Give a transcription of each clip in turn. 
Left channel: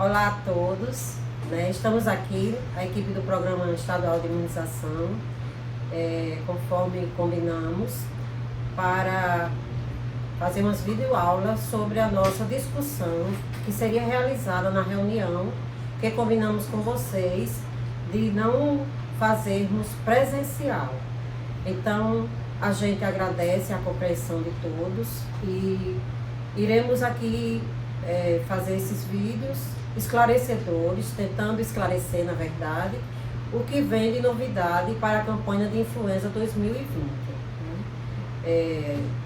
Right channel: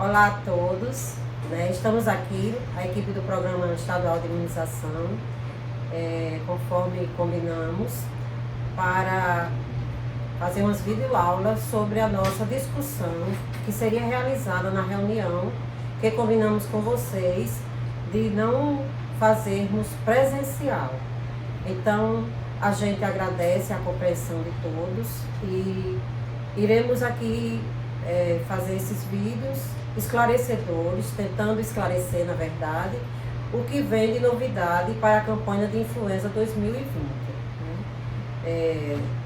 Olá a todos, né? Estamos aqui, a equipe do Programa Estadual de Imunização, conforme combinamos, para fazer umas videoaulas sobre a nossa discussão que seria realizada na reunião que combinamos com vocês de não fazermos presencial. Então, a gente agradece a compreensão de todos e iremos aqui fazer esses vídeos esclarecedores, tentando esclarecer, na verdade, o que vem de novidade para a campanha de influenza 2020.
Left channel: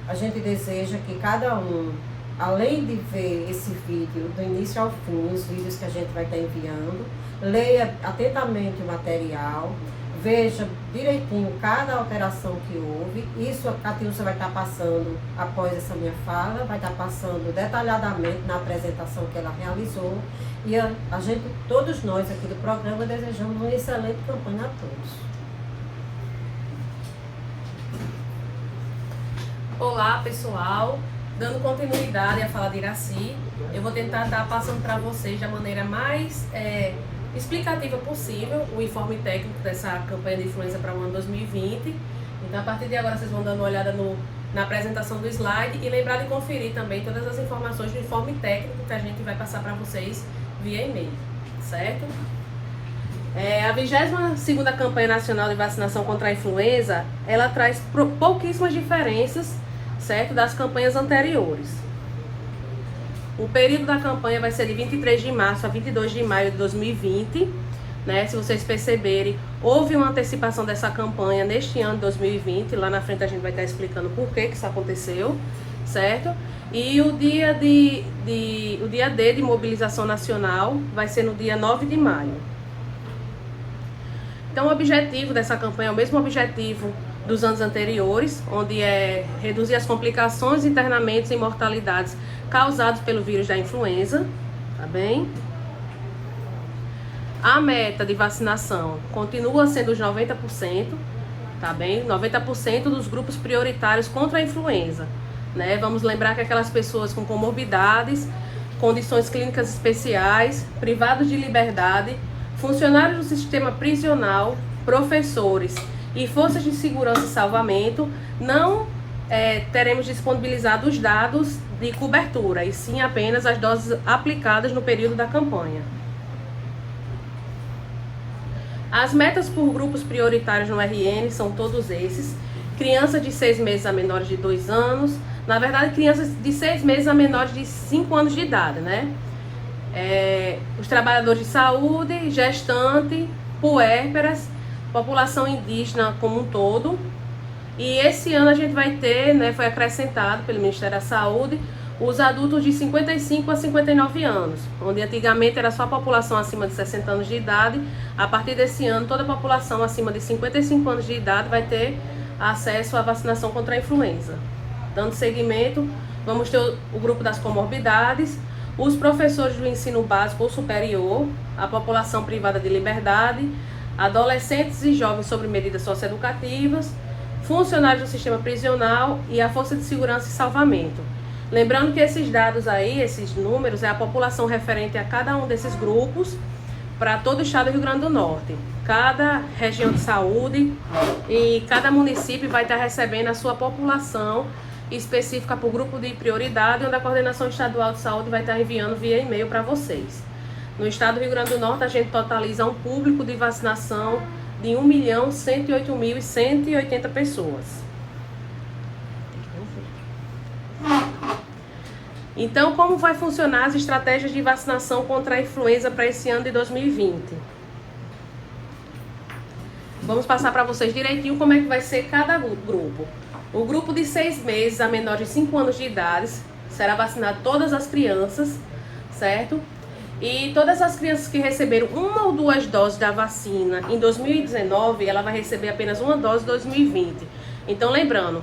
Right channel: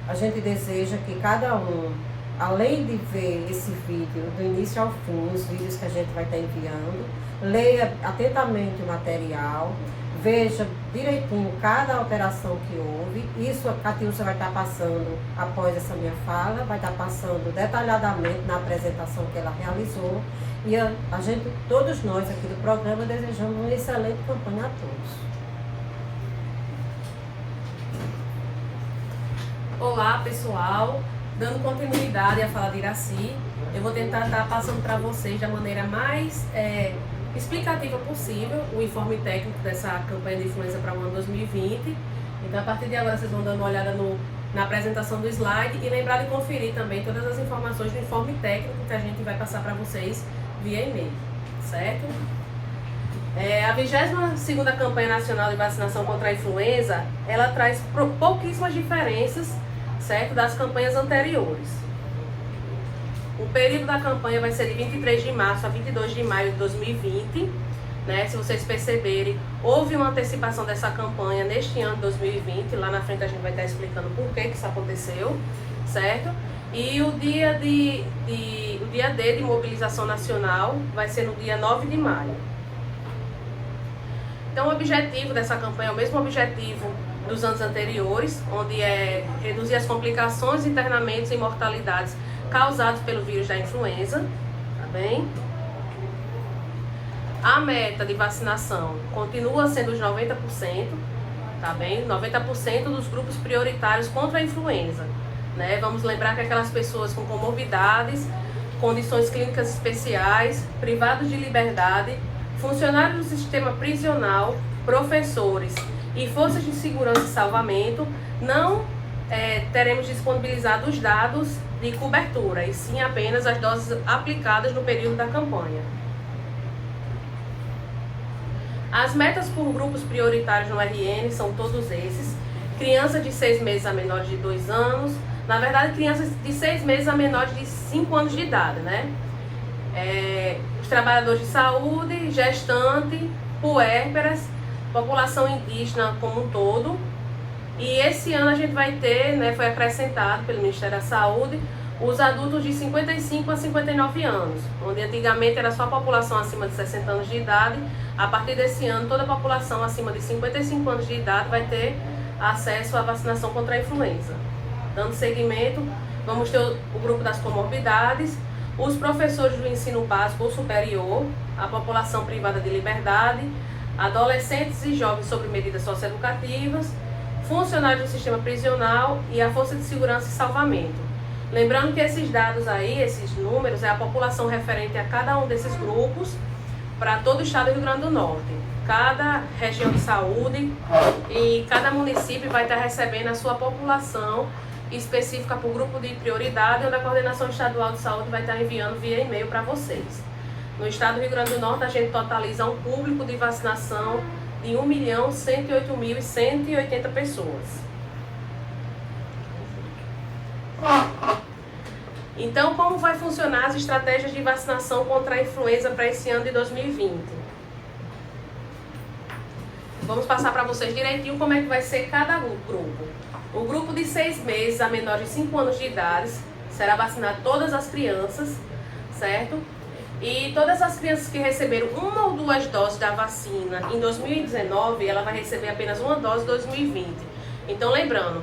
A gente deseja que cada um, além de ver esse vídeo do início ao fim, os vídeos que a gente vai estar enviando, leia atentamente o material, veja direitinho cada alteração que houve. Isso a Catiúcia vai estar passando após essa minha fala, vai estar passando detalhadamente na apresentação que ela realizou. E a gente, todos nós aqui do programa, desejamos uma excelente campanha a todos. Olá, pessoal. Dando continuidade à fala de Iraci, eu vou tentar estar passando para vocês da maneira mais explicativa possível o informe técnico dessa campanha de influenza para o ano 2020. Então, a partir de agora, vocês vão dando uma olhada na apresentação do slide e lembrar de conferir também todas as informações do informe técnico que a gente vai passar para vocês via e-mail, certo? A 22ª Campanha Nacional de Vacinação contra a Influenza, ela traz pouquíssimas diferenças, certo, das campanhas anteriores. O período da campanha vai ser de 23 de março a 22 de maio de 2020, né? Se vocês perceberem, houve uma antecipação dessa campanha neste ano de 2020, lá na frente a gente vai estar explicando por que isso aconteceu, certo? E o dia D de mobilização nacional vai ser no dia 9 de maio. Então, o objetivo dessa campanha é o mesmo objetivo dos anos anteriores, onde é reduzir as complicações, internamentos e mortalidades causados pelo vírus da influenza, tá bem? A meta de vacinação continua sendo os 90%, tá bem? 90% dos grupos prioritários contra a influenza, né? Vamos lembrar que aquelas pessoas com comorbidades, condições clínicas especiais, privados de liberdade, funcionários do sistema prisional, professores e forças de segurança e salvamento, não teremos disponibilizado os dados de cobertura, e sim apenas as doses aplicadas no período da campanha. As metas por grupos prioritários no RN são todos esses: crianças de 6 meses a menores de 2 anos, na verdade crianças de 6 meses a menores de 5 anos de idade, né? Os trabalhadores de saúde, gestante, puérperas, população indígena como um todo. E esse ano a gente vai ter, né, foi acrescentado pelo Ministério da Saúde, os adultos de 55 a 59 anos, onde antigamente era só a população acima de 60 anos de idade. A partir desse ano, toda a população acima de 55 anos de idade vai ter acesso à vacinação contra a influenza. Dando seguimento, vamos ter o grupo das comorbidades, os professores do ensino básico ou superior, a população privada de liberdade, adolescentes e jovens sob medidas socioeducativas, funcionários do sistema prisional e a força de segurança e salvamento. Lembrando que esses dados aí, esses números, é a população referente a cada um desses grupos para todo o estado do Rio Grande do Norte. Cada região de saúde e cada município vai estar recebendo a sua população específica para o grupo de prioridade, onde a Coordenação Estadual de Saúde vai estar enviando via e-mail para vocês. No estado do Rio Grande do Norte, a gente totaliza um público de vacinação de 1.108.180 pessoas. Então, como vai funcionar as estratégias de vacinação contra a influenza para esse ano de 2020? Vamos passar para vocês direitinho como é que vai ser cada grupo. O grupo de 6 meses a menores de 5 anos de idade será vacinar todas as crianças, certo? E todas as crianças que receberam 1 ou 2 doses da vacina em 2019, ela vai receber apenas 1 dose em 2020. Então, lembrando,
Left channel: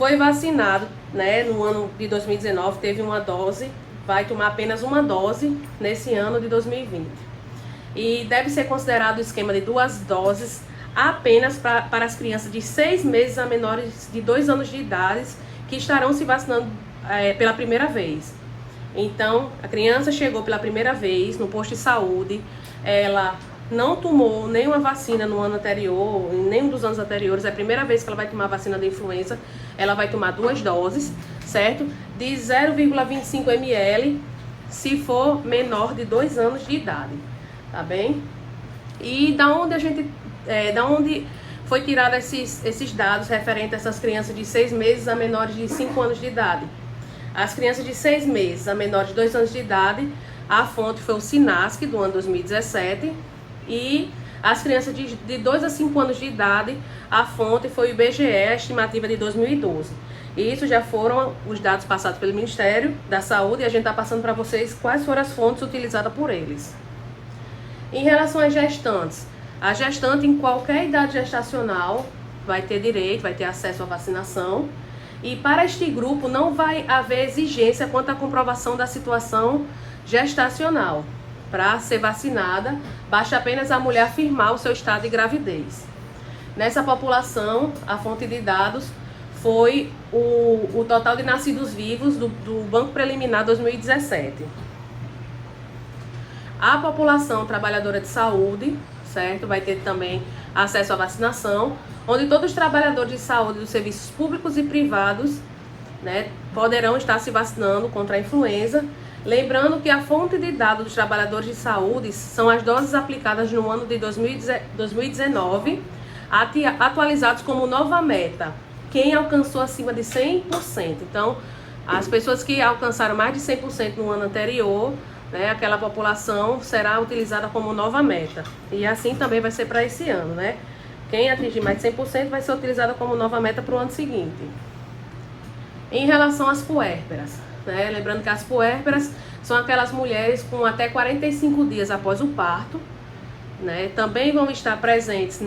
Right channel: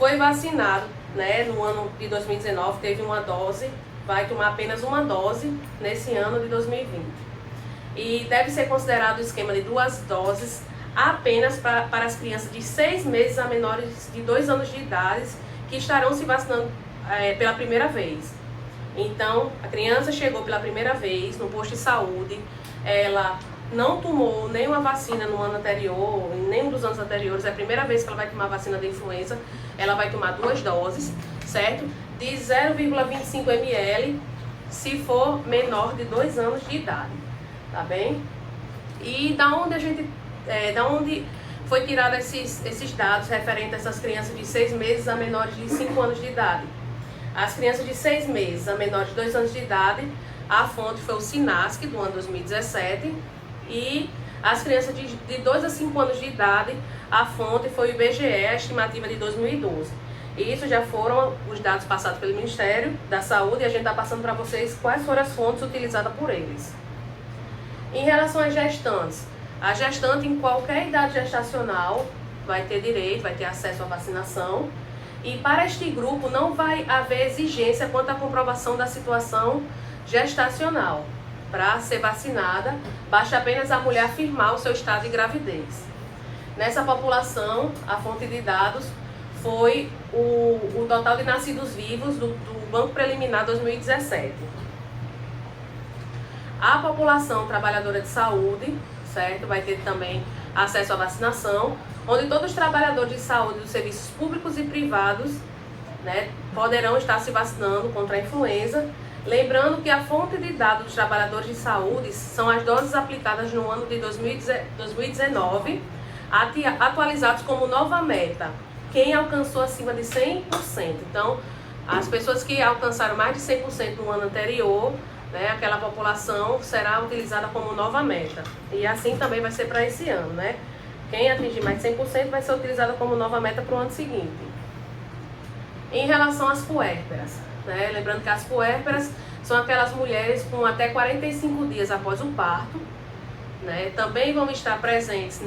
foi vacinado, né, no ano de 2019, teve 1 dose, vai tomar apenas 1 dose nesse ano de 2020. E deve ser considerado o esquema de 2 doses apenas para as crianças de 6 meses a menores de 2 anos de idade que estarão se vacinando pela primeira vez. Então, a criança chegou pela primeira vez no posto de saúde, ela não tomou nenhuma vacina no ano anterior, em nenhum dos anos anteriores, é a primeira vez que ela vai tomar vacina da influenza, ela vai tomar 2 doses, certo? De 0,25 ml, se for menor de 2 anos de idade, tá bem? E da onde foi tirado esses dados referentes a essas crianças de 6 meses a menores de 5 anos de idade? As crianças de 6 meses a menores de 2 anos de idade, a fonte foi o SINASC do ano 2017, e as crianças de 2 a 5 anos de idade, a fonte foi o IBGE, a estimativa de 2012. E isso já foram os dados passados pelo Ministério da Saúde, e a gente está passando para vocês quais foram as fontes utilizadas por eles. Em relação às gestantes, a gestante em qualquer idade gestacional vai ter direito, vai ter acesso à vacinação. E para este grupo não vai haver exigência quanto à comprovação da situação gestacional. Para ser vacinada, basta apenas a mulher afirmar o seu estado de gravidez. Nessa população, a fonte de dados foi o total de nascidos vivos do Banco Preliminar 2017. A população trabalhadora de saúde, certo, vai ter também acesso à vacinação, onde todos os trabalhadores de saúde dos serviços públicos e privados, né, poderão estar se vacinando contra a influenza. Lembrando que a fonte de dados dos trabalhadores de saúde são as doses aplicadas no ano de 2019, atualizados como nova meta, quem alcançou acima de 100%. Então, as pessoas que alcançaram mais de 100% no ano anterior, né, aquela população será utilizada como nova meta. E assim também vai ser para esse ano, né? Quem atingir mais de 100% vai ser utilizada como nova meta para o ano seguinte. Em relação às puérperas, né? Lembrando que as puérperas são aquelas mulheres com até 45 dias após o parto, né? Também vão estar presentes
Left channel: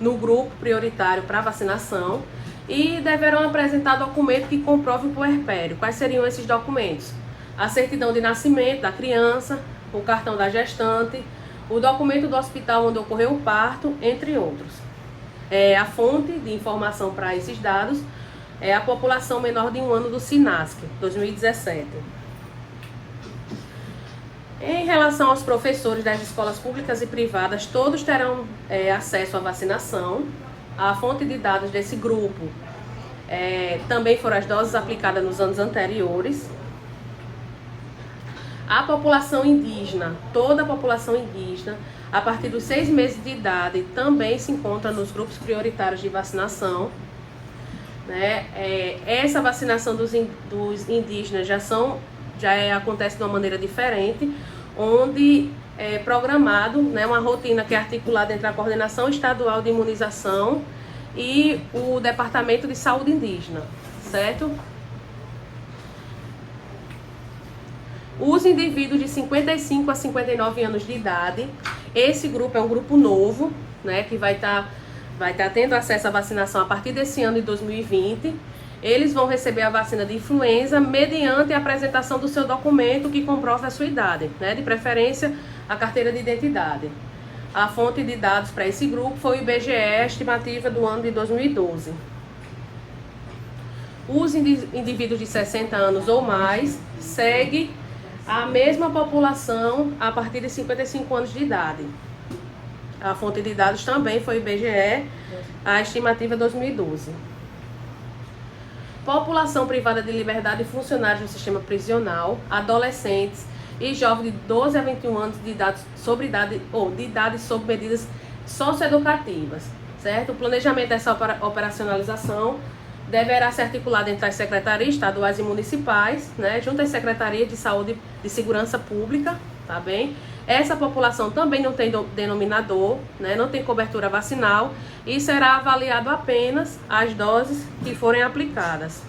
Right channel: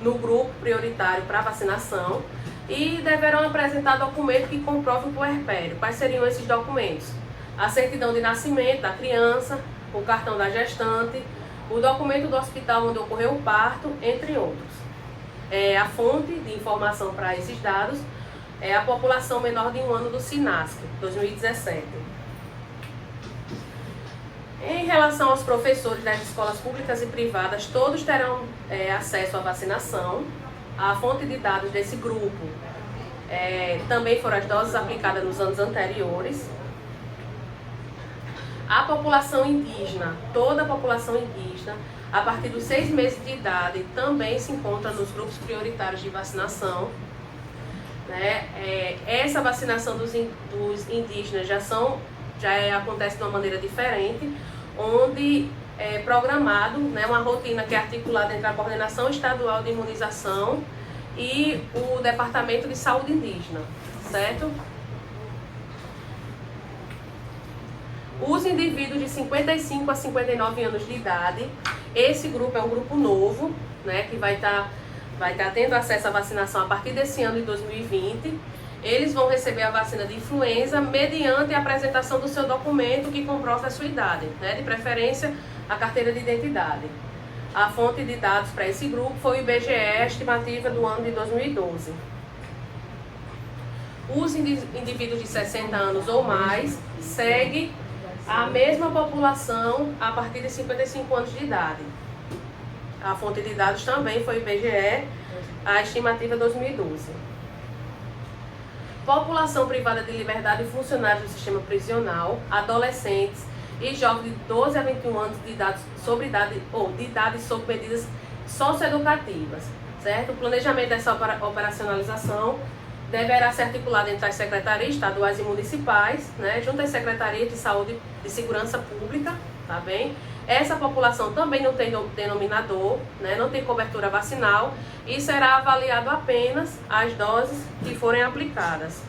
no grupo prioritário para vacinação e deverão apresentar documento que comprove o puerpério. Quais seriam esses documentos? A certidão de nascimento da criança, o cartão da gestante, o documento do hospital onde ocorreu o parto, entre outros. A fonte de informação para esses dados é a população menor de 1 ano do SINASC, 2017. Em relação aos professores das escolas públicas e privadas, todos terão acesso à vacinação. A fonte de dados desse grupo também foram as doses aplicadas nos anos anteriores. A população indígena, toda a população indígena, a partir dos 6 meses de idade, também se encontra nos grupos prioritários de vacinação. Né? Essa vacinação dos indígenas já acontece de uma maneira diferente, onde é programado, né, uma rotina que é articulada entre a Coordenação Estadual de Imunização e o Departamento de Saúde Indígena, certo? Os indivíduos de 55 a 59 anos de idade, esse grupo é um grupo novo, né, que vai estar tendo acesso à vacinação a partir desse ano de 2020. Eles vão receber a vacina de influenza mediante a apresentação do seu documento que comprova a sua idade, né, de preferência a carteira de identidade. A fonte de dados para esse grupo foi o IBGE, estimativa do ano de 2012. Os indivíduos de 60 anos ou mais seguem a mesma população a partir de 55 anos de idade. A fonte de dados também foi o IBGE, a estimativa 2012. População privada de liberdade e funcionários do sistema prisional, adolescentes e jovens de 12 a 21 anos de idade sobre medidas socioeducativas, certo? O planejamento dessa operacionalização deverá ser articulado entre as secretarias estaduais e municipais, né, junto às secretarias de saúde e segurança pública, tá bem? Essa população também não tem denominador, né, não tem cobertura vacinal e será avaliado apenas as doses que forem aplicadas.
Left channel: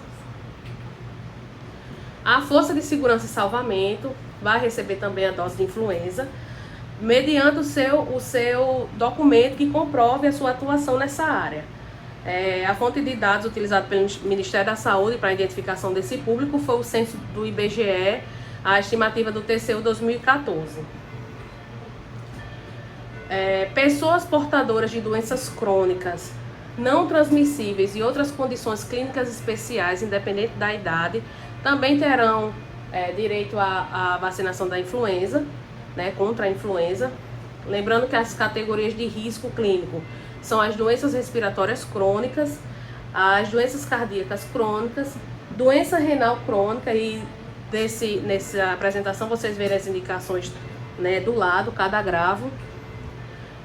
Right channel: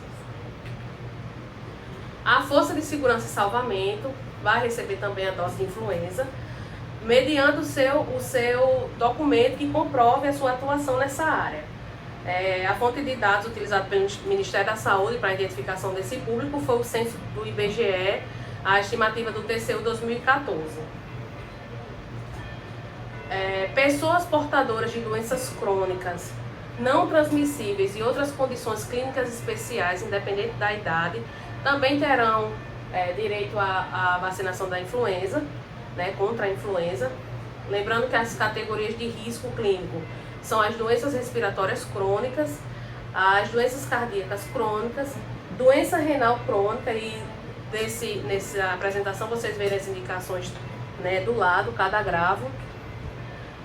A Força de Segurança e Salvamento vai receber também a dose de influenza, mediante o seu documento que comprove a sua atuação nessa área. A fonte de dados utilizada pelo Ministério da Saúde para a identificação desse público foi o censo do IBGE, a estimativa do TCU 2014. Pessoas portadoras de doenças crônicas, não transmissíveis e outras condições clínicas especiais, independente da idade, também terão direito à vacinação da influenza, né, contra a influenza. Lembrando que as categorias de risco clínico são as doenças respiratórias crônicas, as doenças cardíacas crônicas, doença renal crônica, e nessa apresentação vocês verem as indicações, né, do lado, cada grave.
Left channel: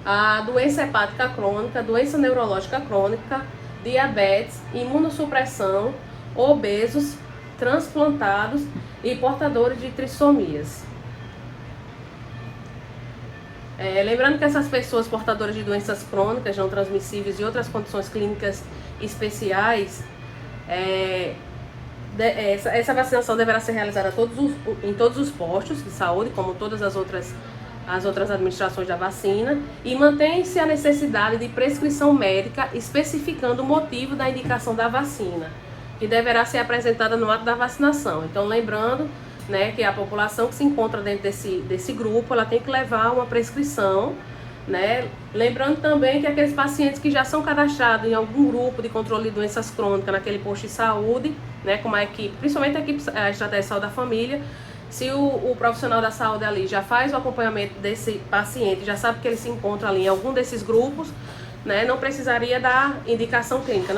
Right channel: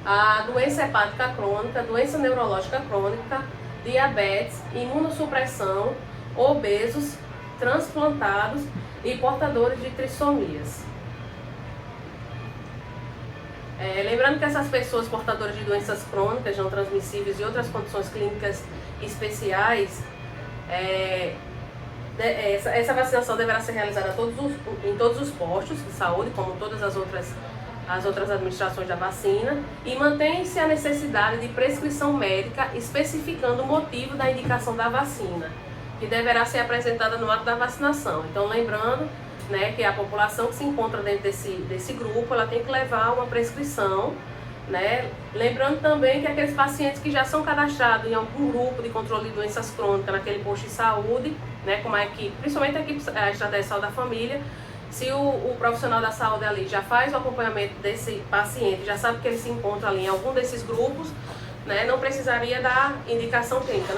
A doença hepática crônica, doença neurológica crônica, diabetes, imunossupressão, obesos, transplantados e portadores de trissomias. Lembrando que essas pessoas portadoras de doenças crônicas não transmissíveis e outras condições clínicas especiais, essa vacinação deverá ser realizada em todos os postos de saúde, como todas as outras administrações da vacina, e mantém-se a necessidade de prescrição médica especificando o motivo da indicação da vacina, que deverá ser apresentada no ato da vacinação. Então, lembrando, né, que a população que se encontra dentro desse grupo, ela tem que levar uma prescrição, né? Lembrando também que aqueles pacientes que já são cadastrados em algum grupo de controle de doenças crônicas naquele posto de saúde, né, com a equipe, principalmente a estratégia de saúde da família, se o profissional da saúde ali já faz o acompanhamento desse paciente, já sabe que ele se encontra ali em algum desses grupos, né, não precisaria da indicação clínica,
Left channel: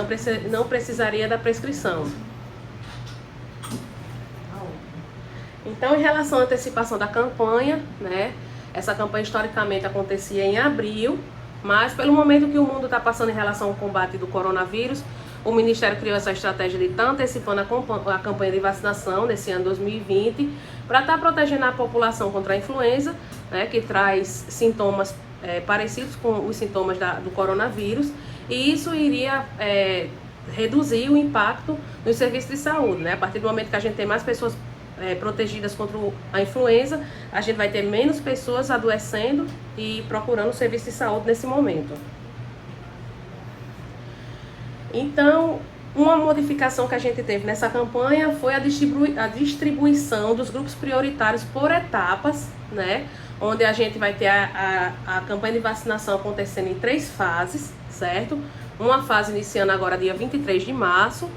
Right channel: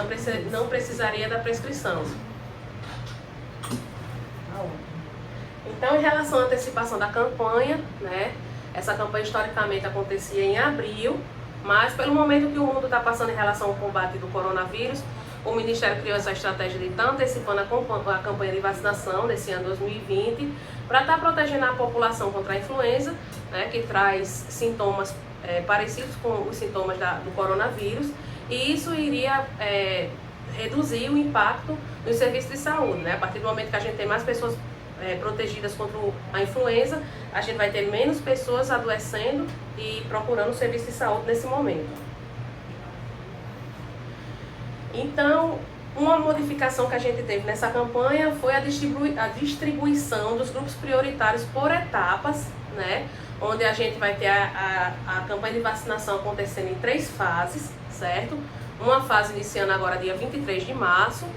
não precisaria da prescrição. Então, em relação à antecipação da campanha, né, essa campanha historicamente acontecia em abril, mas pelo momento que o mundo está passando em relação ao combate do coronavírus, o Ministério criou essa estratégia de estar antecipando a campanha de vacinação nesse ano 2020, para estar protegendo a população contra a influenza, né, que traz sintomas parecidos com os sintomas do coronavírus, e isso iria reduzir o impacto no serviço de saúde, né? A partir do momento que a gente tem mais pessoas protegidas contra a influenza, a gente vai ter menos pessoas adoecendo e procurando serviço de saúde nesse momento. Então, uma modificação que a gente teve nessa campanha foi a distribuição dos grupos prioritários por etapas, né? Onde a gente vai ter a campanha de vacinação acontecendo em 3 fases, certo? Uma fase iniciando agora dia 23 de março,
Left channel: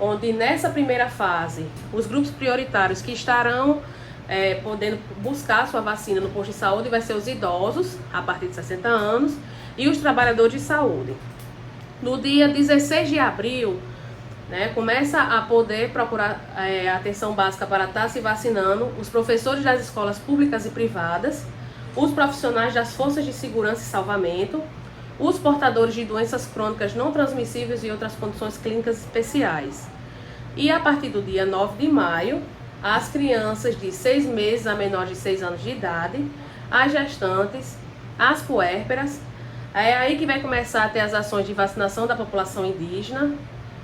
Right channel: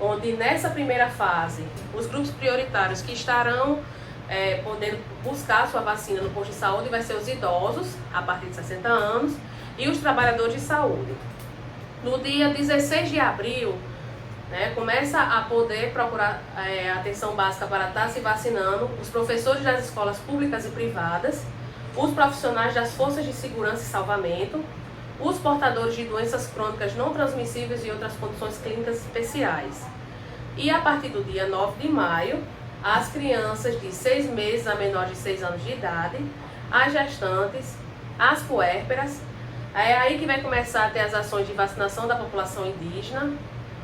onde nessa primeira fase, os grupos prioritários que estarão podendo buscar a sua vacina no posto de saúde vai ser os idosos, a partir de 60 anos, e os trabalhadores de saúde. No dia 16 de abril, né, começa a poder procurar atenção básica para estar se vacinando os professores das escolas públicas e privadas, os profissionais das forças de segurança e salvamento, os portadores de doenças crônicas não transmissíveis e outras condições clínicas especiais. E a partir do dia 9 de maio, as crianças de 6 meses a menores de 6 anos de idade, as gestantes, as puérperas, é aí que vai começar a ter as ações de vacinação da população indígena,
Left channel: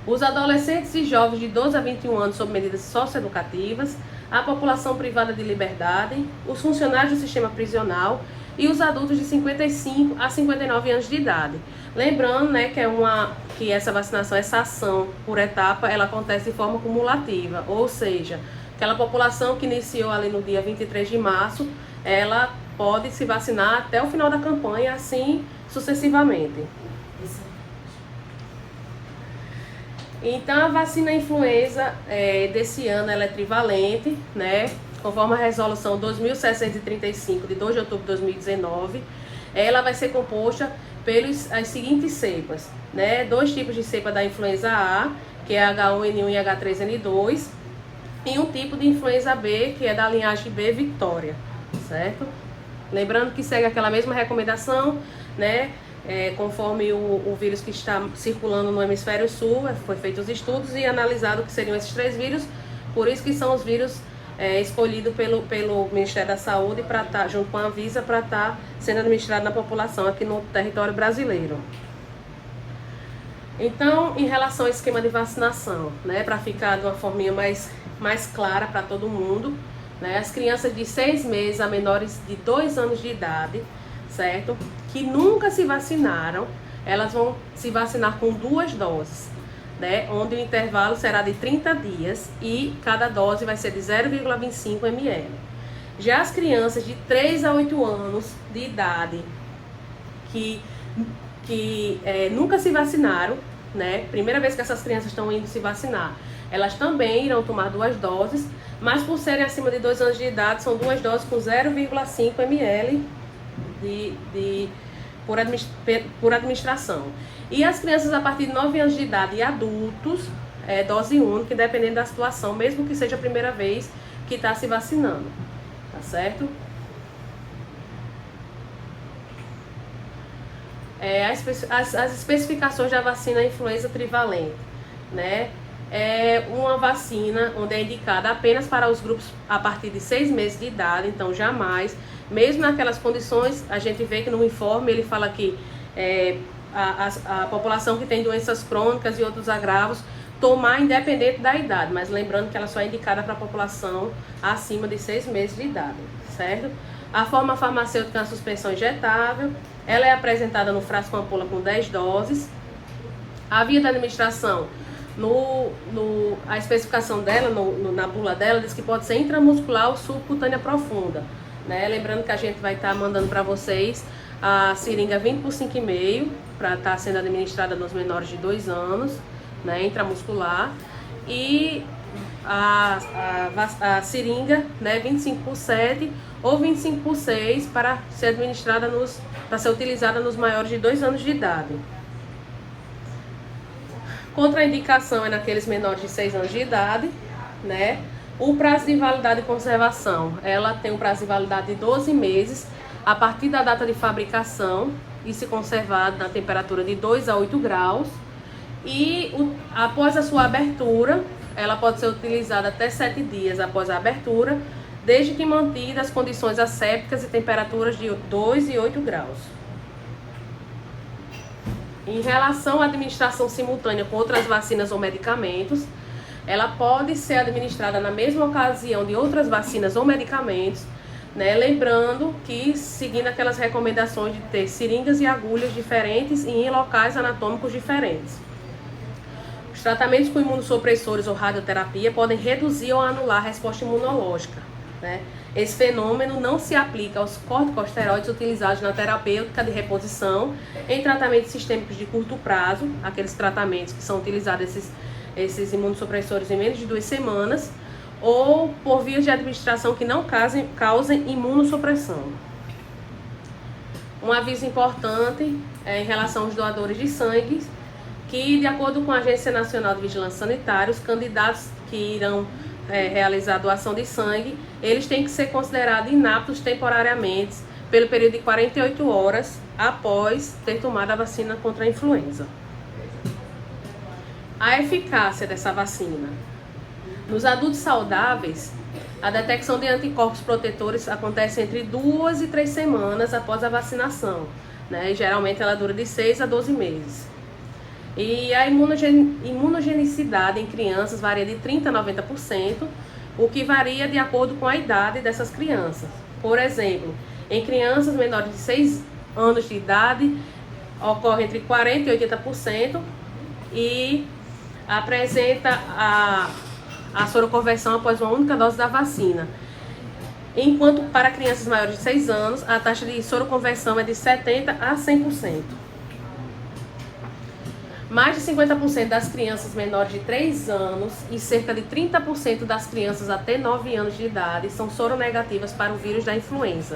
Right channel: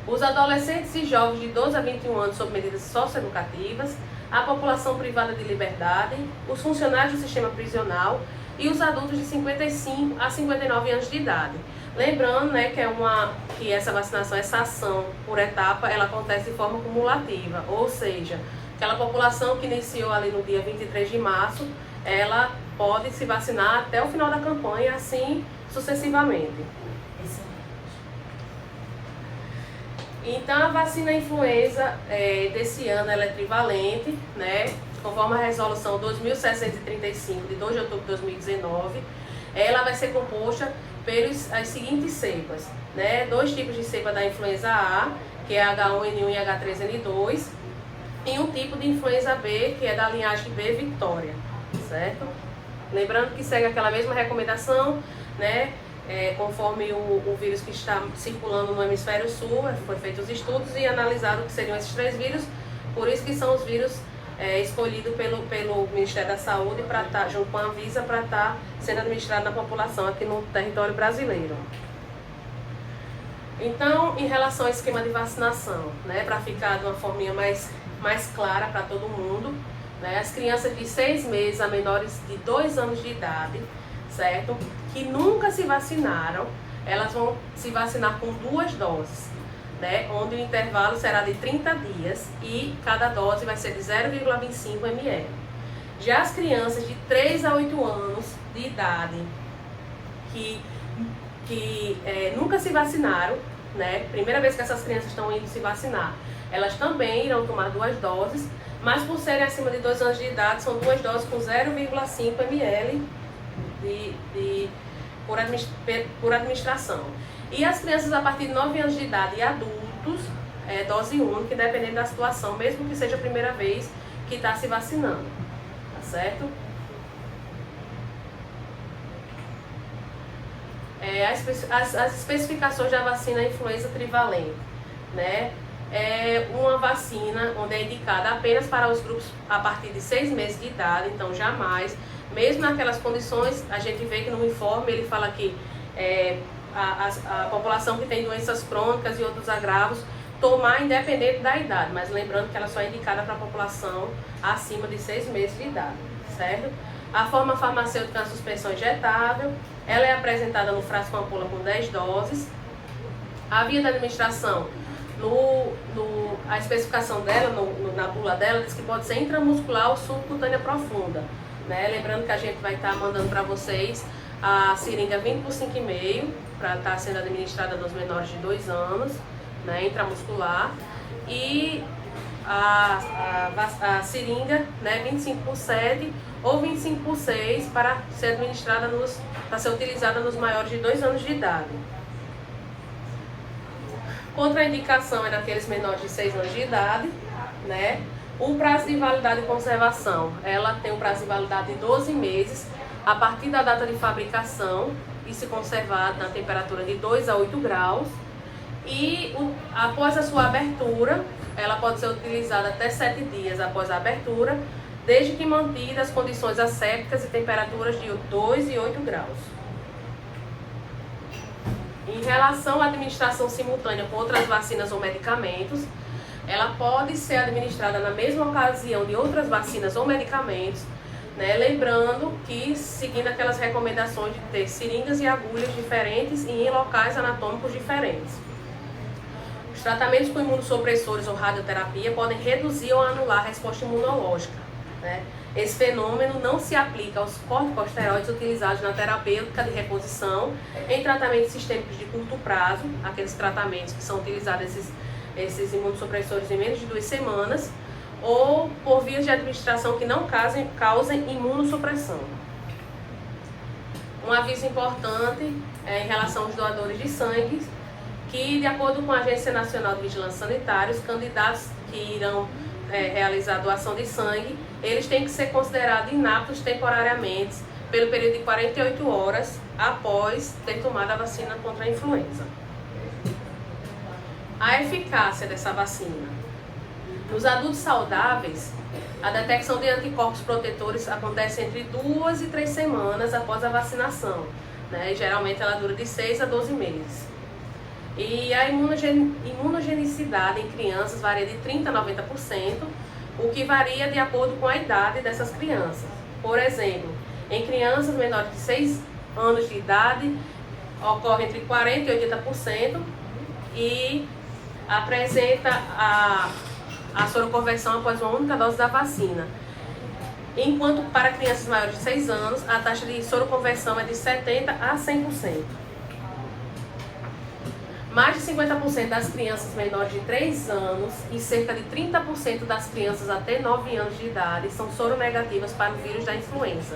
os adolescentes e jovens de 12 a 21 anos sob medidas socioeducativas, a população privada de liberdade, os funcionários do sistema prisional e os adultos de 55 a 59 anos de idade. Lembrando, né, que essa vacinação, essa ação por etapa, ela acontece de forma cumulativa, ou seja, aquela população que iniciou ali no dia 23 de março, ela pode se vacinar até o final da campanha, assim sucessivamente. Então, a vacina influenza desse ano ela é trivalente, né? Conforme a resolução 2635 de 2 de outubro de 2019, ela vai ser composta pelas seguintes cepas, né? 2 tipos de cepa da influenza A, que é H1N1 e H3N2, e um tipo de influenza B, que é da linhagem B Victoria, certo? Lembrando que segue aquela mesma recomendação, né? Conforme o vírus que está circulando no hemisfério sul, foi feitos os estudos e analisado que seriam esses 3 vírus, por isso que são os vírus escolhidos pelo Ministério da Saúde para estar junto com a Anvisa para estar sendo administrado na população aqui no território brasileiro. Então, em relação ao esquema de vacinação, né, para ficar de uma forminha mais clara para todo mundo, né, as crianças de 6 meses a menores de 2 anos de idade, certo? Que nunca se vacinaram, elas vão se vacinar com 2 doses, né? Onde o intervalo será de 30 dias e cada dose vai ser de 0,25 ml. Já as crianças de 3 a 8 anos de idade, que que nunca se vacinaram, né? Primeira vez que essas crianças estão indo se vacinar, elas também irão tomar 2 doses, mas por serem acima de 2 anos de idade, são 2 doses com 0,5 ml por administração. E as crianças a partir de 9 anos de idade e adultos, dose única, dependendo da situação, mesmo que seja a primeira vez que está se vacinando, tá certo? As especificações da vacina influenza trivalente, né? É uma vacina onde é indicada apenas para os grupos a partir de 6 meses de idade, então jamais, mesmo naquelas condições, a gente vê que no informe ele fala que a população que tem doenças crônicas e outros agravos, tomar independente da idade, mas lembrando que ela só é indicada para a população acima de 6 meses de idade, certo? A forma farmacêutica é uma suspensão injetável, ela é apresentada no frasco ampola com 10 doses. A via da administração, a especificação dela, na bula dela, diz que pode ser intramuscular ou subcutânea profunda, né? Lembrando que a gente vai estar mandando para vocês a seringa 20 por 5,5 para estar sendo administrada nos menores de 2 anos, né, intramuscular, e a seringa, né, 25 por 7 ou 25 por 6 para ser administrada para ser utilizada nos maiores de 2 anos de idade. Contraindicação é naqueles menores de 6 anos de idade, né? O prazo de validade e conservação, ela tem um prazo de validade de 12 meses a partir da data de fabricação e se conservar na temperatura de 2 a 8 graus. E após a sua abertura, ela pode ser utilizada até 7 dias após a abertura, desde que mantidas as condições assépticas e temperaturas de 2 e 8 graus. Em relação à administração simultânea com outras vacinas ou medicamentos, ela pode ser administrada na mesma ocasião de outras vacinas ou medicamentos, né? Lembrando que seguindo aquelas recomendações de ter seringas e agulhas diferentes e em locais anatômicos diferentes. Os tratamentos com imunossupressores ou radioterapia podem reduzir ou anular a resposta imunológica, né? Esse fenômeno não se aplica aos corticosteroides utilizados na terapêutica de reposição em tratamentos sistêmicos de curto prazo, aqueles tratamentos que são utilizados esses imunossupressores em menos de 2 semanas, ou por vias de administração que não causem imunossupressão. Um aviso importante em relação aos doadores de sangue, que de acordo com a Agência Nacional de Vigilância Sanitária, os candidatos que irão realizar a doação de sangue, eles têm que ser considerados inaptos temporariamente pelo período de 48 horas após ter tomado a vacina contra a influenza. A eficácia dessa vacina. Nos adultos saudáveis, a detecção de anticorpos protetores acontece entre 2 e 3 semanas após a vacinação, né? Geralmente ela dura de 6 a 12 meses. E a imunogenicidade em crianças varia de 30% a 90%, o que varia de acordo com a idade dessas crianças. Por exemplo, em crianças menores de 6 anos de idade, ocorre entre 40% e 80% e apresenta a soroconversão após uma única dose da vacina. Enquanto para crianças maiores de 6 anos, a taxa de soroconversão é de 70% a 100%. Mais de 50% das crianças menores de 3 anos e cerca de 30% das crianças até 9 anos de idade são soronegativas para o vírus da influenza.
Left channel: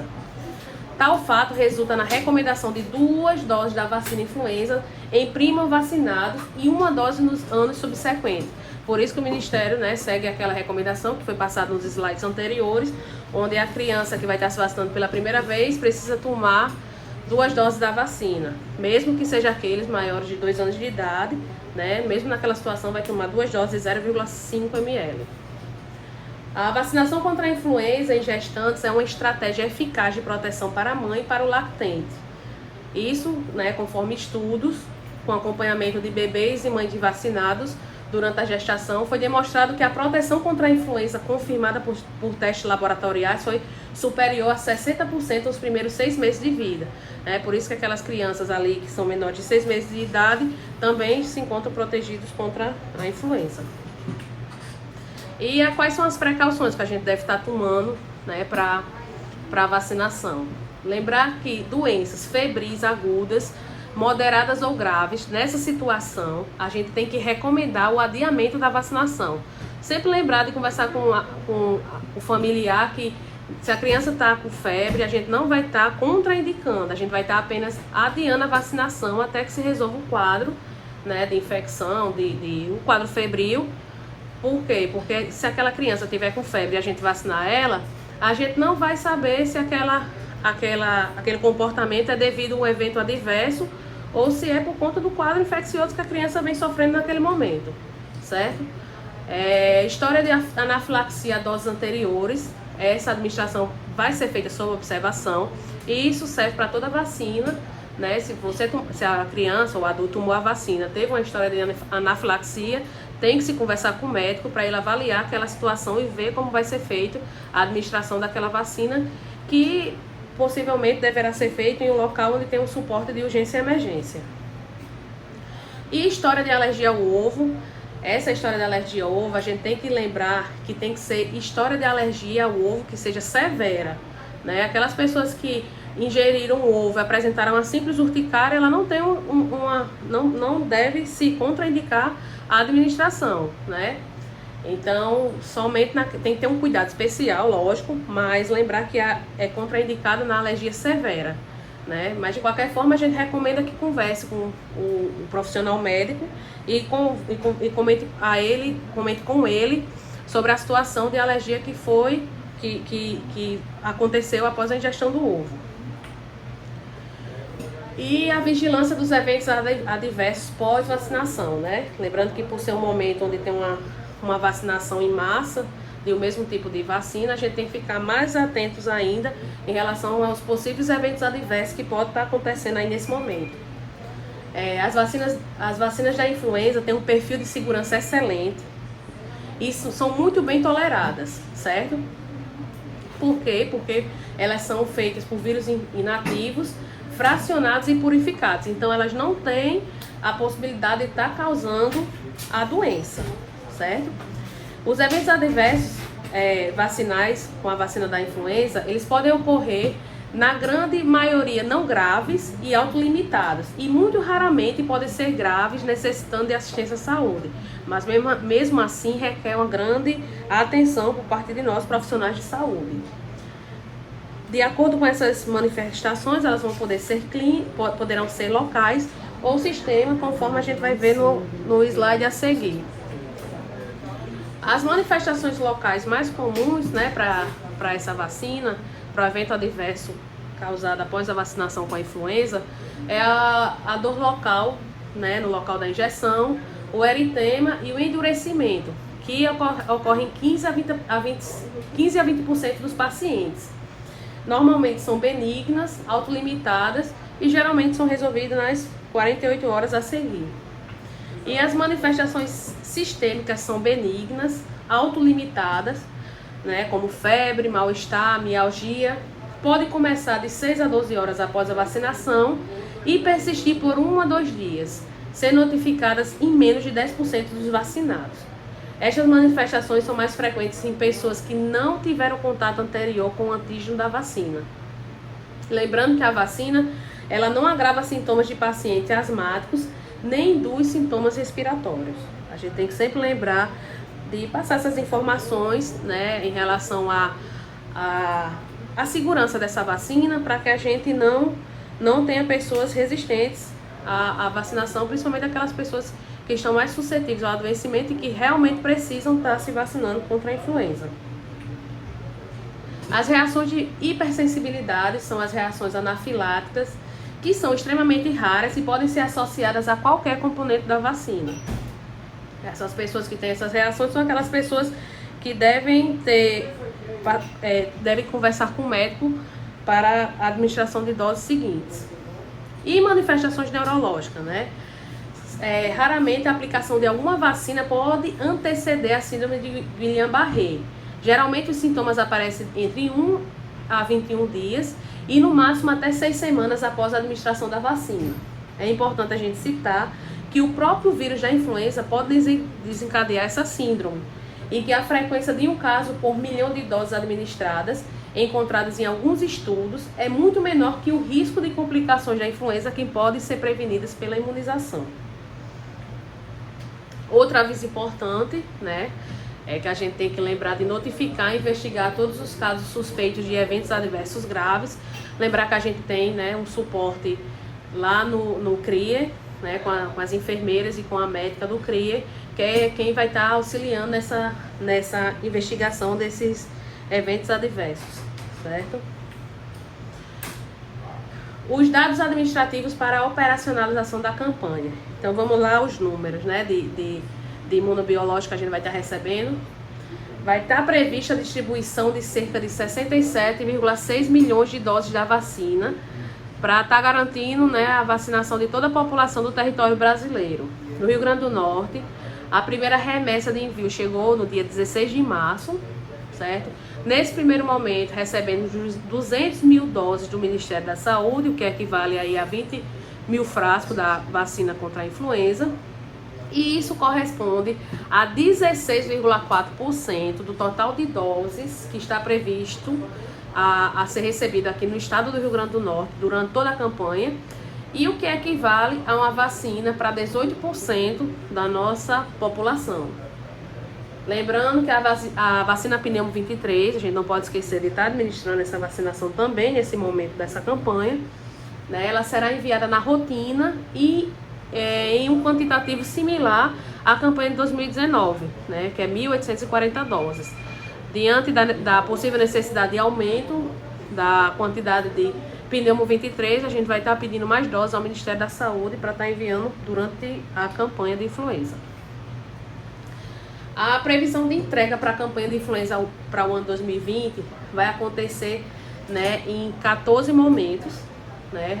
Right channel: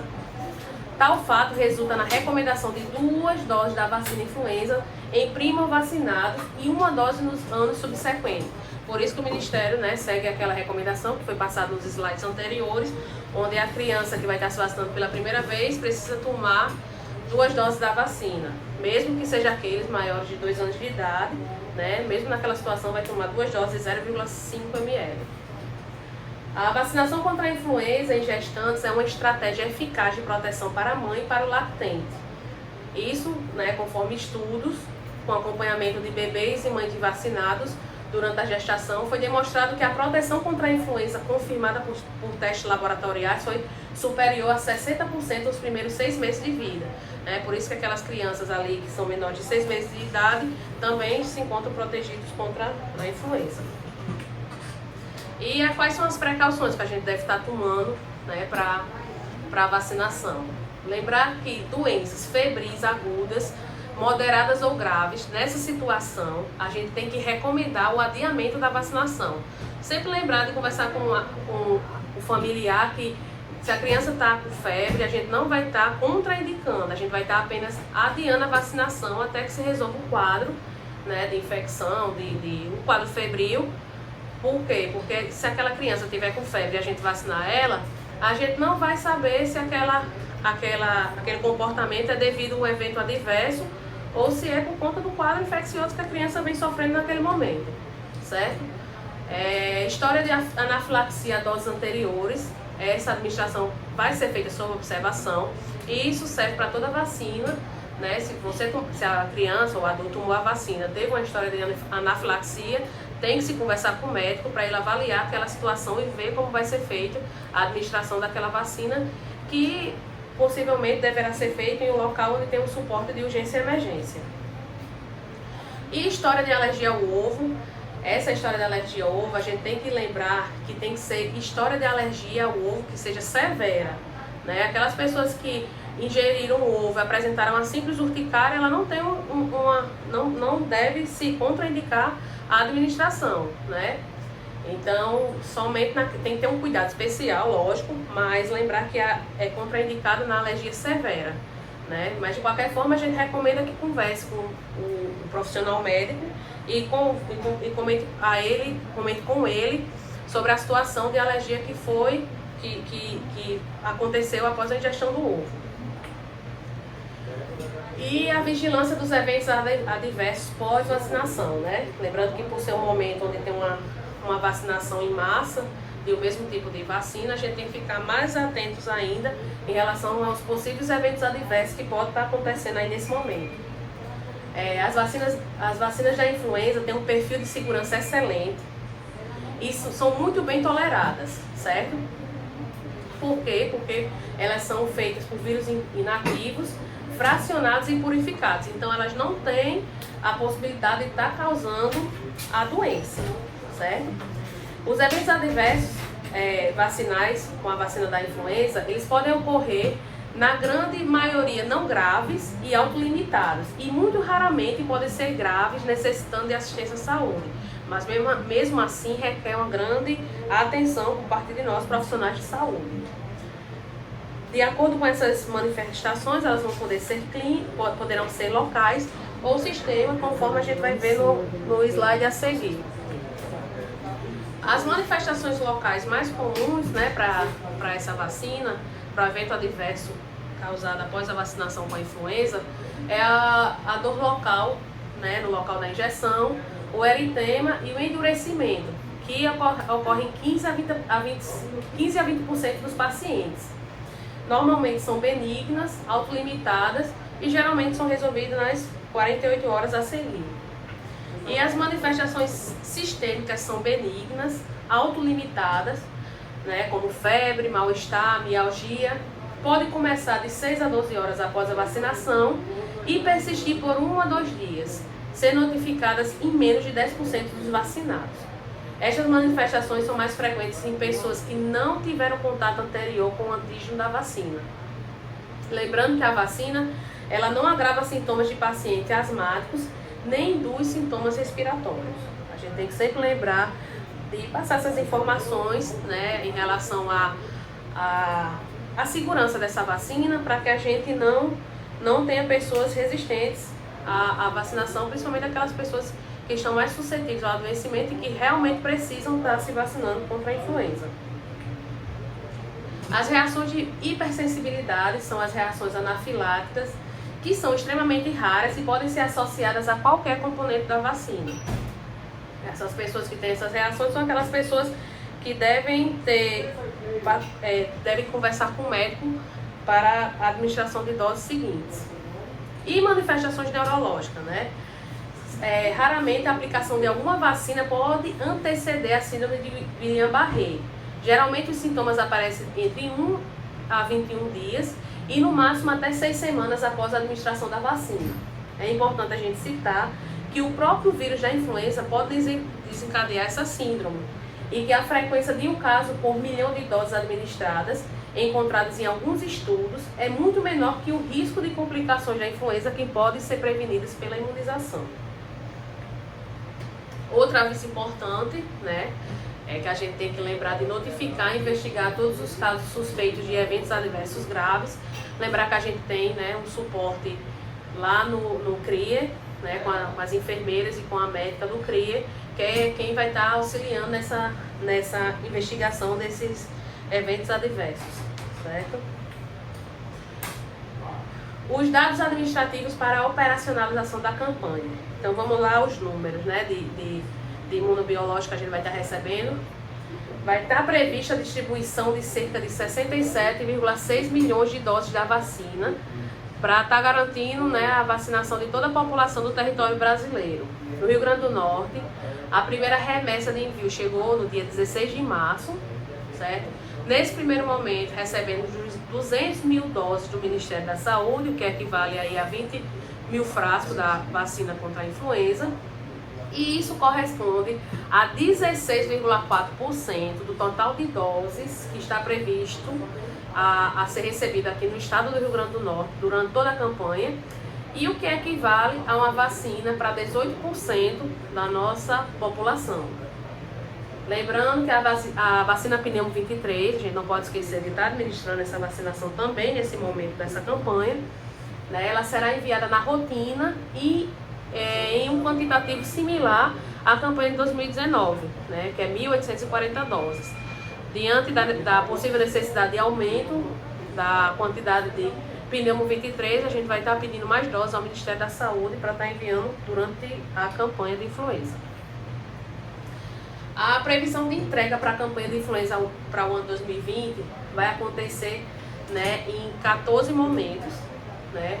Tal fato resulta na recomendação de 2 doses da vacina influenza em primo-vacinados e 1 dose nos anos subsequentes. Por isso que o Ministério, né, segue aquela recomendação que foi passada nos slides anteriores, onde a criança que vai estar se vacinando pela primeira vez precisa tomar 2 doses da vacina, mesmo que seja aqueles maiores de 2 anos de idade, né, mesmo naquela situação vai tomar 2 doses de 0,5 ml. A vacinação contra a influenza em gestantes é uma estratégia eficaz de proteção para a mãe e para o lactente. Isso, né, conforme estudos, com acompanhamento de bebês e mães de vacinados durante a gestação, foi demonstrado que a proteção contra a influenza confirmada por testes laboratoriais foi superior a 60% nos primeiros 6 meses de vida. Por isso que aquelas crianças ali que são menores de 6 meses de idade também se encontram protegidos contra a influenza. E quais são as precauções que a gente deve estar tomando, né, para a vacinação? Lembrar que doenças febris agudas moderadas ou graves, nessa situação, a gente tem que recomendar o adiamento da vacinação. Sempre lembrar de conversar com o familiar que se a criança está com febre, a gente não vai estar contraindicando, a gente vai estar apenas adiando a vacinação até que se resolva o quadro, né, de infecção, o quadro febril. Por quê? Porque se aquela criança tiver com febre e a gente vacinar ela, a gente não vai saber se aquele comportamento é devido a um evento adverso ou se é por conta do quadro infeccioso que a criança vem sofrendo naquele momento, certo? História de anafilaxia a doses anteriores, essa administração vai ser feita sob observação e isso serve para toda vacina, né? Se a criança ou o adulto tomou a vacina, teve uma história de anafilaxia, tem que se conversar com o médico para ele avaliar aquela situação e ver como vai ser feita a administração daquela vacina, que possivelmente deverá ser feita em um local onde tem um suporte de urgência e emergência. E história de alergia ao ovo. Essa história de alergia ao ovo, a gente tem que lembrar que tem que ser história de alergia ao ovo que seja severa, né? Aquelas pessoas que ingeriram o ovo e apresentaram uma simples urticária, ela não tem não deve se contraindicar a administração, né? Então, somente tem que ter um cuidado especial, lógico, mas lembrar que é contraindicado na alergia severa, né? Mas de qualquer forma, a gente recomenda que converse com o profissional médico e comente com ele sobre a situação de alergia que aconteceu após a ingestão do ovo. E a vigilância dos eventos adversos pós-vacinação, né? Lembrando que por ser um momento onde tem uma vacinação em massa de o mesmo tipo de vacina, a gente tem que ficar mais atentos ainda em relação aos possíveis eventos adversos que podem estar acontecendo aí nesse momento. As vacinas da influenza têm um perfil de segurança excelente e são muito bem toleradas, certo? Por quê? Porque elas são feitas por vírus inativos, fracionados e purificados. Então, elas não têm a possibilidade de estar causando a doença, certo? Os eventos adversos vacinais com a vacina da influenza, eles podem ocorrer na grande maioria não graves e autolimitados, e muito raramente podem ser graves, necessitando de assistência à saúde. Mas mesmo assim requer uma grande atenção por parte de nós profissionais de saúde. De acordo com essas manifestações, elas vão poderão ser locais ou sistema, conforme a gente vai ver no slide a seguir. As manifestações locais mais comuns, né, para essa vacina, para o evento adverso causado após a vacinação com a influenza, é a dor local, né, no local da injeção, o eritema e o endurecimento, que ocorre em 15 a 20% dos pacientes. Normalmente são benignas, autolimitadas e geralmente são resolvidas nas 48 horas a seguir. E as manifestações sistêmicas são benignas, autolimitadas, né, como febre, mal-estar, mialgia, podem começar de 6 a 12 horas após a vacinação e persistir por 1 a 2 dias, sendo notificadas em menos de 10% dos vacinados. Estas manifestações são mais frequentes em pessoas que não tiveram contato anterior com o antígeno da vacina. Lembrando que a vacina, ela não agrava sintomas de pacientes asmáticos, nem induz sintomas respiratórios. A gente tem que sempre lembrar de passar essas informações, né, em relação à segurança dessa vacina, para que a gente não tenha pessoas resistentes à vacinação, principalmente aquelas pessoas que estão mais suscetíveis ao adoecimento e que realmente precisam estar se vacinando contra a influenza. As reações de hipersensibilidade são as reações anafiláticas, que são extremamente raras e podem ser associadas a qualquer componente da vacina. Essas pessoas que têm essas reações são aquelas pessoas que devem conversar com o médico para a administração de doses seguintes. E manifestações neurológicas, né? Raramente a aplicação de alguma vacina pode anteceder a síndrome de Guillain-Barré. Geralmente os sintomas aparecem entre 1 a 21 dias e no máximo até 6 semanas após a administração da vacina. É importante a gente citar que o próprio vírus da influenza pode desencadear essa síndrome. e que a frequência de um caso por milhão de doses administradas, encontradas em alguns estudos, é muito menor que o risco de complicações da influenza que podem ser prevenidas pela imunização. Outra aviso importante, né, é que a gente tem que lembrar de notificar e investigar todos os casos suspeitos de eventos adversos graves. Lembrar que a gente tem, né, um suporte lá no CRIE, né, com as enfermeiras e com a médica do CRIE, que é quem vai estar auxiliando nessa investigação desses eventos adversos, certo? Os dados administrativos para a operacionalização da campanha. Então vamos lá os números, né, de imunobiológico que a gente vai estar recebendo. Vai estar prevista a distribuição de cerca de 67,6 milhões de doses da vacina para estar garantindo, né, a vacinação de toda a população do território brasileiro. No Rio Grande do Norte, a primeira remessa de envio chegou no dia 16 de março, certo? Nesse primeiro momento, recebemos 200 mil doses do Ministério da Saúde, o que equivale aí a 20 mil frascos da vacina contra a influenza. E isso corresponde a 16,4% do total de doses que está previsto a ser recebido aqui no estado do Rio Grande do Norte durante toda a campanha, e o que equivale a uma vacina para 18% da nossa população. Lembrando que a vacina Pneumo 23, a gente não pode esquecer de estar administrando essa vacinação também nesse momento dessa campanha, né? Ela será enviada na rotina e em um quantitativo similar à campanha de 2019, né, que é 1.840 doses. Diante da possível necessidade de aumento da quantidade de Pneumo 23, a gente vai estar pedindo mais doses ao Ministério da Saúde para estar enviando durante a campanha de influenza. A previsão de entrega para a campanha de influenza para o ano 2020 vai acontecer, né, em 14 momentos, né?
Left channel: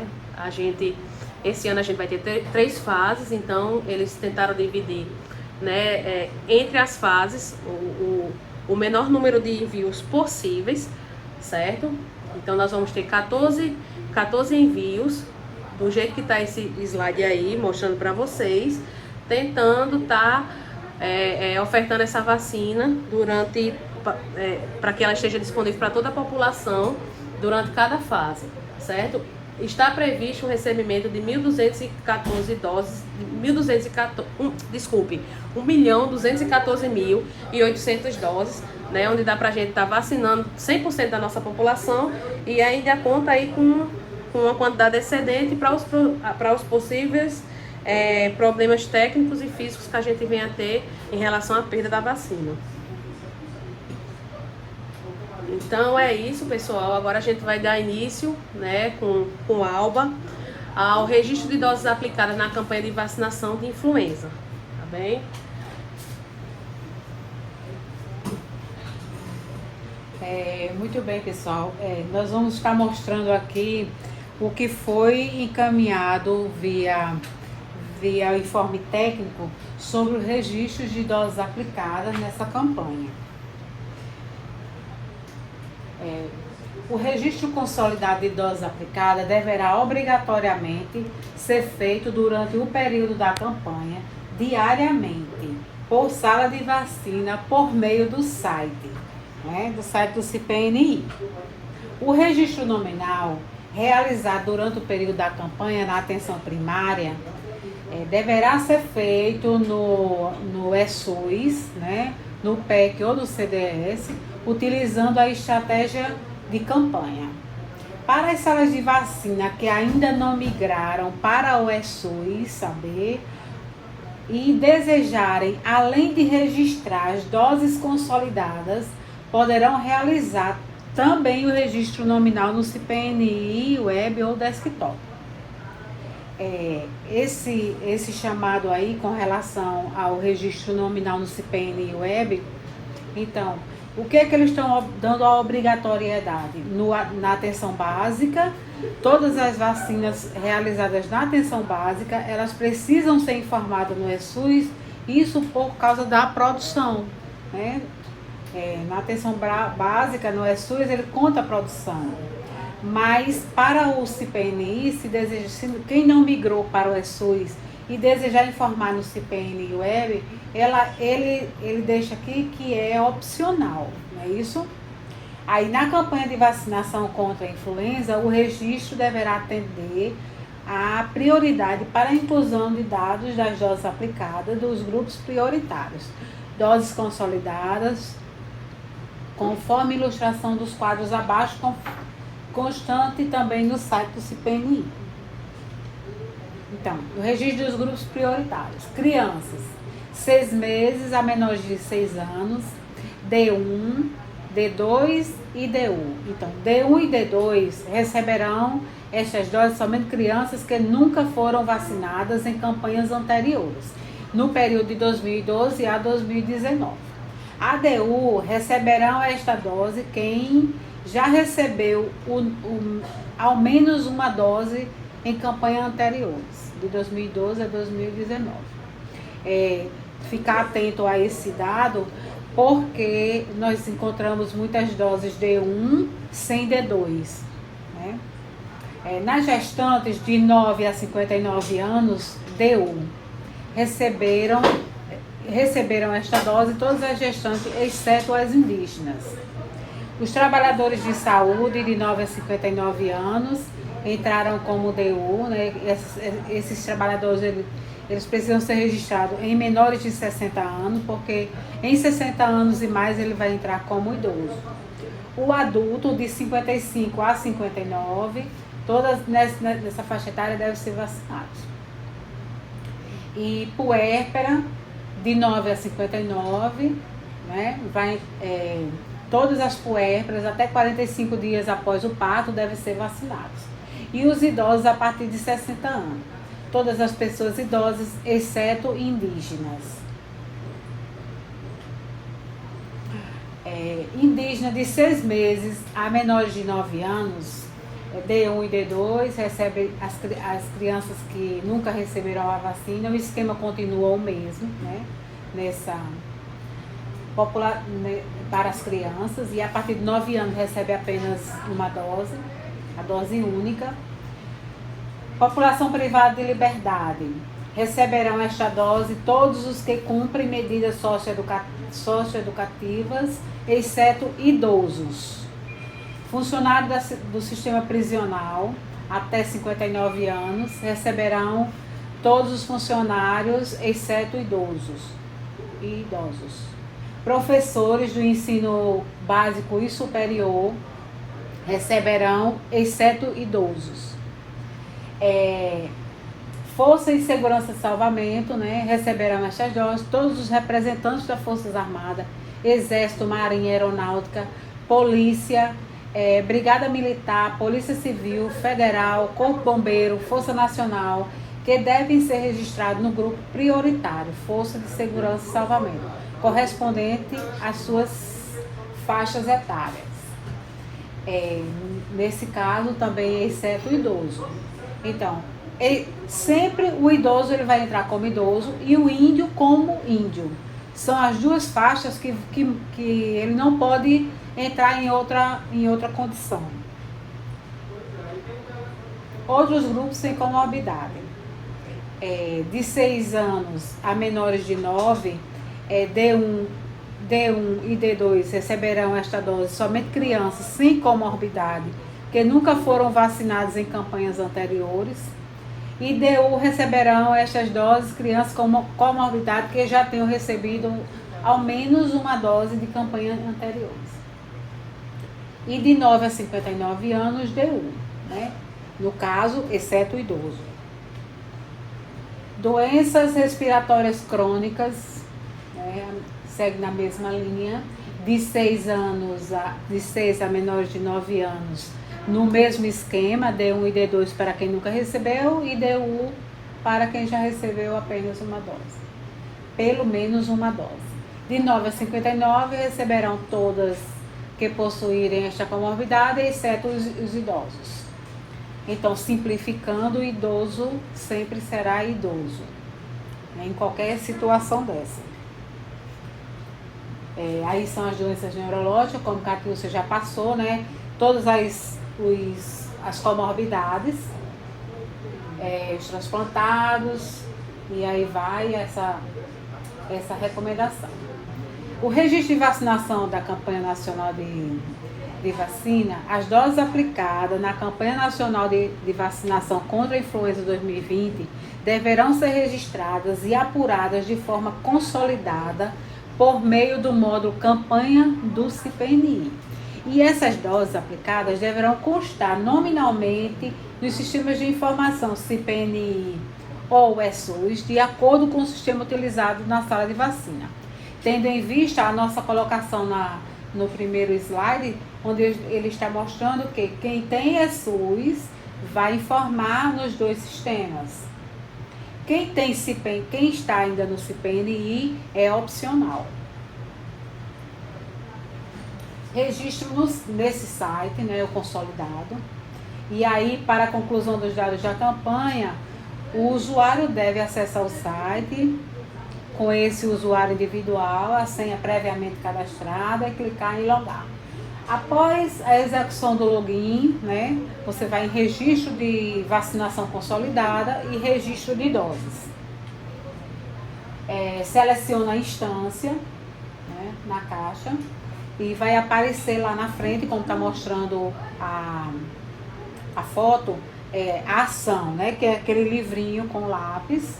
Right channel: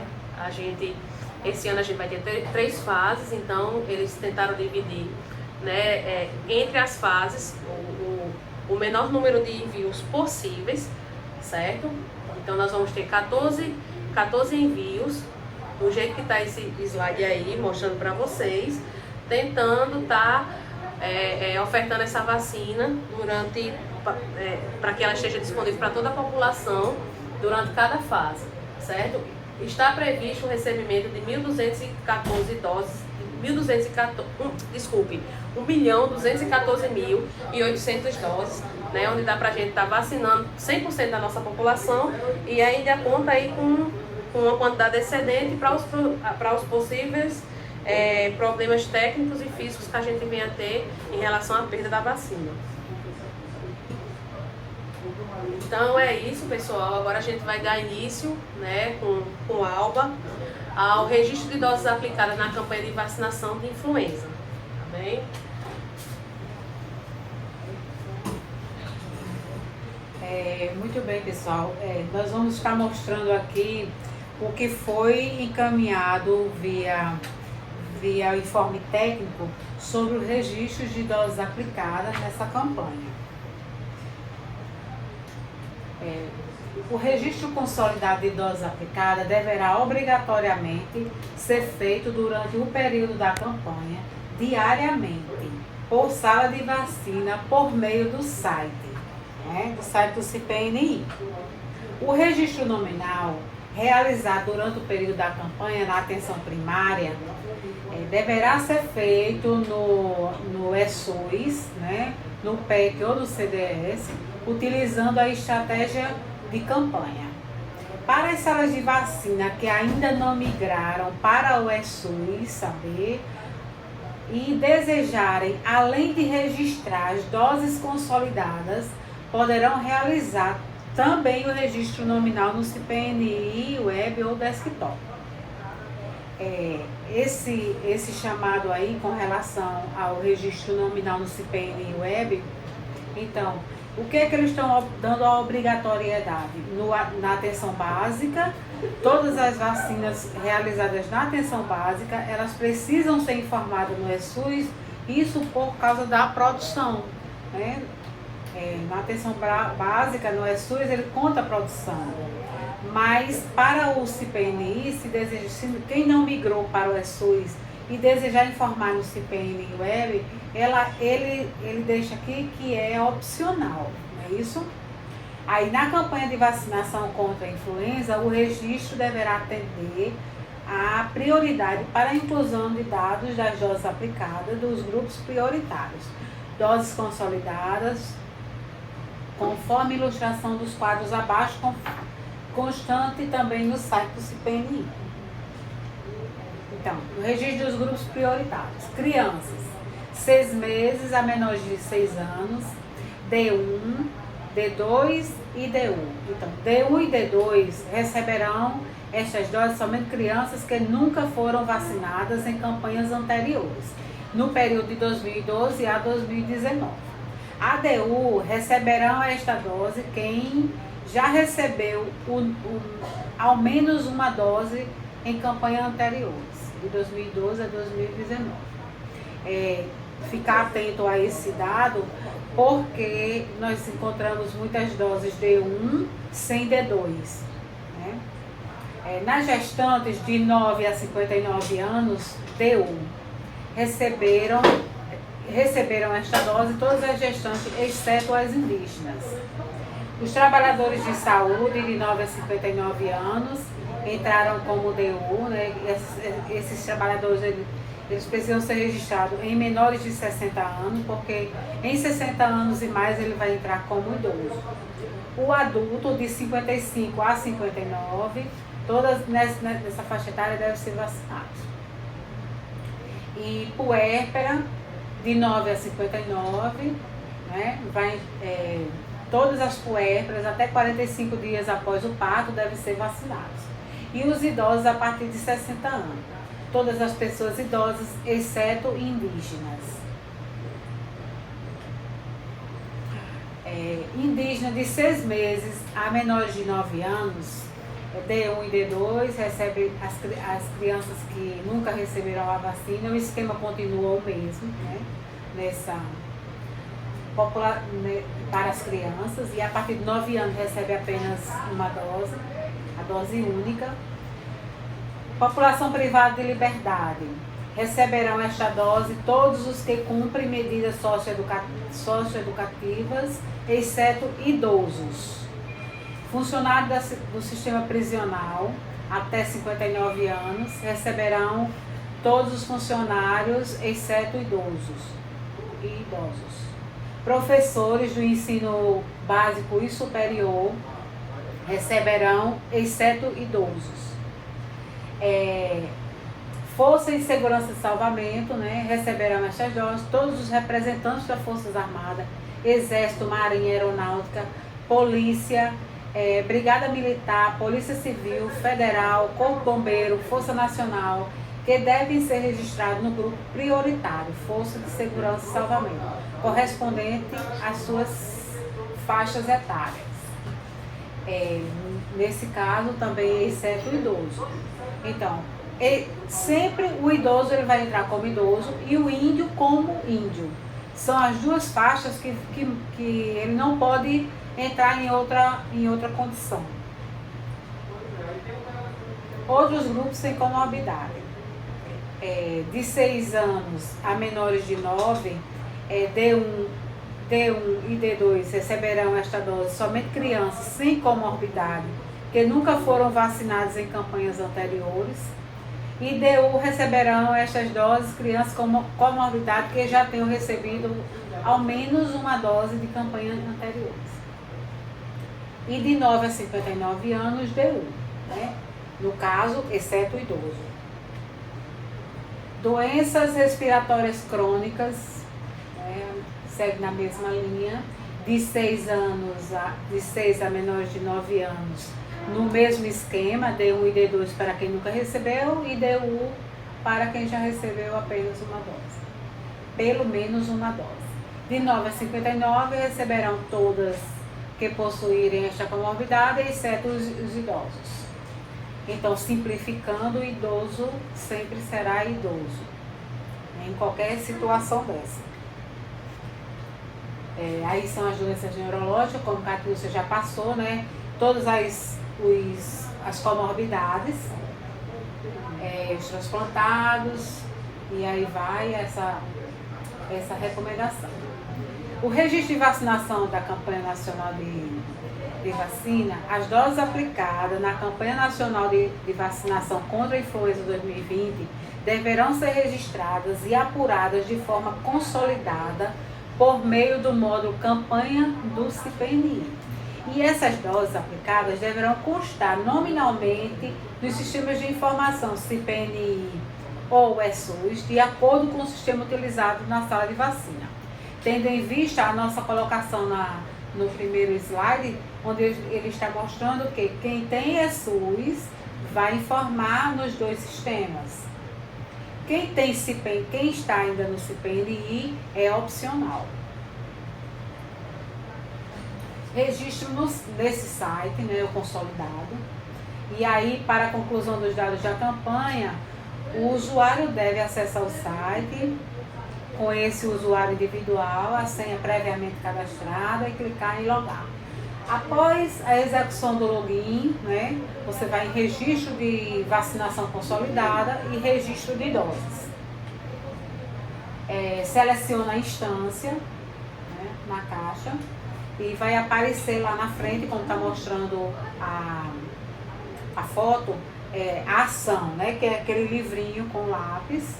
Esse ano a gente vai ter 3 fases, então eles tentaram dividir, né, entre as fases o menor número de envios possíveis, certo? Então nós vamos ter 14 envios, do jeito que está esse slide aí, mostrando para vocês, tentando estar ofertando essa vacina para que ela esteja disponível para toda a população durante cada fase, certo? Está previsto o recebimento de 1.214 doses, 1.214.800 doses, né, onde dá para a gente estar vacinando 100% da nossa população e ainda conta aí com uma quantidade excedente para os possíveis problemas técnicos e físicos que a gente venha a ter em relação à perda da vacina. Então é isso, pessoal. Agora a gente vai dar início, né, com a Alba, ao registro de doses aplicadas na campanha de vacinação de influenza. Tá bem? Muito bem, pessoal. Nós vamos estar mostrando aqui o que foi encaminhado via informe técnico sobre os registros de doses aplicadas nessa campanha. O registro consolidado de doses aplicadas deverá obrigatoriamente ser feito durante o período da campanha, diariamente, por sala de vacina, por meio do site, né, do site do CIPNI. O registro nominal, realizado durante o período da campanha na atenção primária, deverá ser feito no ESUS, né, no PEC ou no CDS, utilizando a estratégia de campanha. Para as salas de vacina que ainda não migraram para o ESUS, saber e desejarem, além de registrar as doses consolidadas, poderão realizar também o registro nominal no CIPNI, web ou desktop. Esse chamado aí com relação ao registro nominal no CIPNI web, então, o que é que eles estão dando a obrigatoriedade? Na atenção básica, todas as vacinas realizadas na atenção básica, elas precisam ser informadas no ESUS, isso por causa da produção, né? Na atenção básica, no ESUS, ele conta a produção. Mas para o CIPNI, quem não migrou para o ESUS e desejar informar no CPN Web, ele deixa aqui que é opcional, não é isso? Aí na campanha de vacinação contra a influenza, o registro deverá atender a prioridade para a inclusão de dados das doses aplicadas dos grupos prioritários, doses consolidadas, conforme ilustração dos quadros abaixo, constante também no site do CPNI. Então, o registro dos grupos prioritários. Crianças, 6 meses a menores de 6 anos, D1, D2 e D1. Então, D1 e D2 receberão estas doses somente crianças que nunca foram vacinadas em campanhas anteriores, no período de 2012 a 2019. A DU receberão esta dose quem já recebeu ao menos uma dose em campanhas anteriores, de 2012 a 2019. Ficar atento a esse dado, porque nós encontramos muitas doses D1 sem D2. Né? Nas gestantes de 9 a 59 anos, D1, receberam esta dose todas as gestantes, exceto as indígenas. Os trabalhadores de saúde de 9 a 59 anos entraram como DU, né? Esses trabalhadores eles precisam ser registrados em menores de 60 anos, porque em 60 anos e mais ele vai entrar como idoso. O adulto de 55 a 59, todas nessa faixa etária devem ser vacinados. E puérpera, de 9 a 59, né? Todas as puérperas até 45 dias após o parto devem ser vacinadas. E os idosos a partir de 60 anos. Todas as pessoas idosas, exceto indígenas. Indígena de 6 meses a menores de 9 anos, D1 e D2, recebem as crianças que nunca receberam a vacina. O esquema continua o mesmo, né? Para as crianças, e a partir de 9 anos recebe apenas uma dose, a dose única. População privada de liberdade, receberão esta dose todos os que cumprem medidas socioeducativas, exceto idosos. Funcionários do sistema prisional até 59 anos receberão todos os funcionários, exceto idosos. Professores do ensino básico e superior receberão, exceto idosos. Força e Segurança e Salvamento, né, receberão estas doses todos os representantes das Forças Armadas, Exército, Marinha, Aeronáutica, Polícia, Brigada Militar, Polícia Civil, Federal, Corpo Bombeiro, Força Nacional, que devem ser registrados no grupo prioritário, Força de Segurança e Salvamento, correspondente às suas faixas etárias. Nesse caso também, exceto o idoso. Então, sempre o idoso ele vai entrar como idoso e o índio como índio. São as duas faixas que ele não pode entrar em outra condição. Outros grupos sem comorbidade. De 6 anos a menores de 9, D1 e D2 receberão esta dose somente crianças sem comorbidade que nunca foram vacinadas em campanhas anteriores. E DU receberão estas doses crianças com comorbidade que já tenham recebido ao menos uma dose de campanhas anteriores. E de 9 a 59 anos, DU, né? No caso, exceto o idoso. Doenças respiratórias crônicas, né? Segue na mesma linha, de 6 a menores de 9 anos, no mesmo esquema, D1 e D2 para quem nunca recebeu e D1 para quem já recebeu apenas uma dose, pelo menos uma dose. De 9 a 59 receberão todas que possuírem esta comorbidade, exceto os idosos. Então, simplificando, o idoso sempre será idoso, né, em qualquer situação dessa. Aí são as doenças neurológicas, como a Catilcia já passou, né? Todas as comorbidades, os transplantados, E aí vai essa recomendação. O registro de vacinação da campanha nacional de vacina, as doses aplicadas na campanha nacional de vacinação contra a influenza 2020 deverão ser registradas e apuradas de forma consolidada por meio do módulo campanha do CIPNI. E essas doses aplicadas deverão constar nominalmente nos sistemas de informação CIPNI ou ESUS, de acordo com o sistema utilizado na sala de vacina. Tendo em vista a nossa colocação no primeiro slide, onde ele está mostrando que quem tem ESUS vai informar nos dois sistemas. Quem está ainda no CIPNI é opcional. Registro nesse site, né, o consolidado. E aí, para a conclusão dos dados da campanha, o usuário deve acessar o site com esse usuário individual, a senha previamente cadastrada, e clicar em logar. Após a execução do login, né, você vai em registro de vacinação consolidada e registro de doses. Seleciona a instância, né, na caixa, e vai aparecer lá na frente, como está mostrando a foto, a ação, né, que é aquele livrinho com lápis.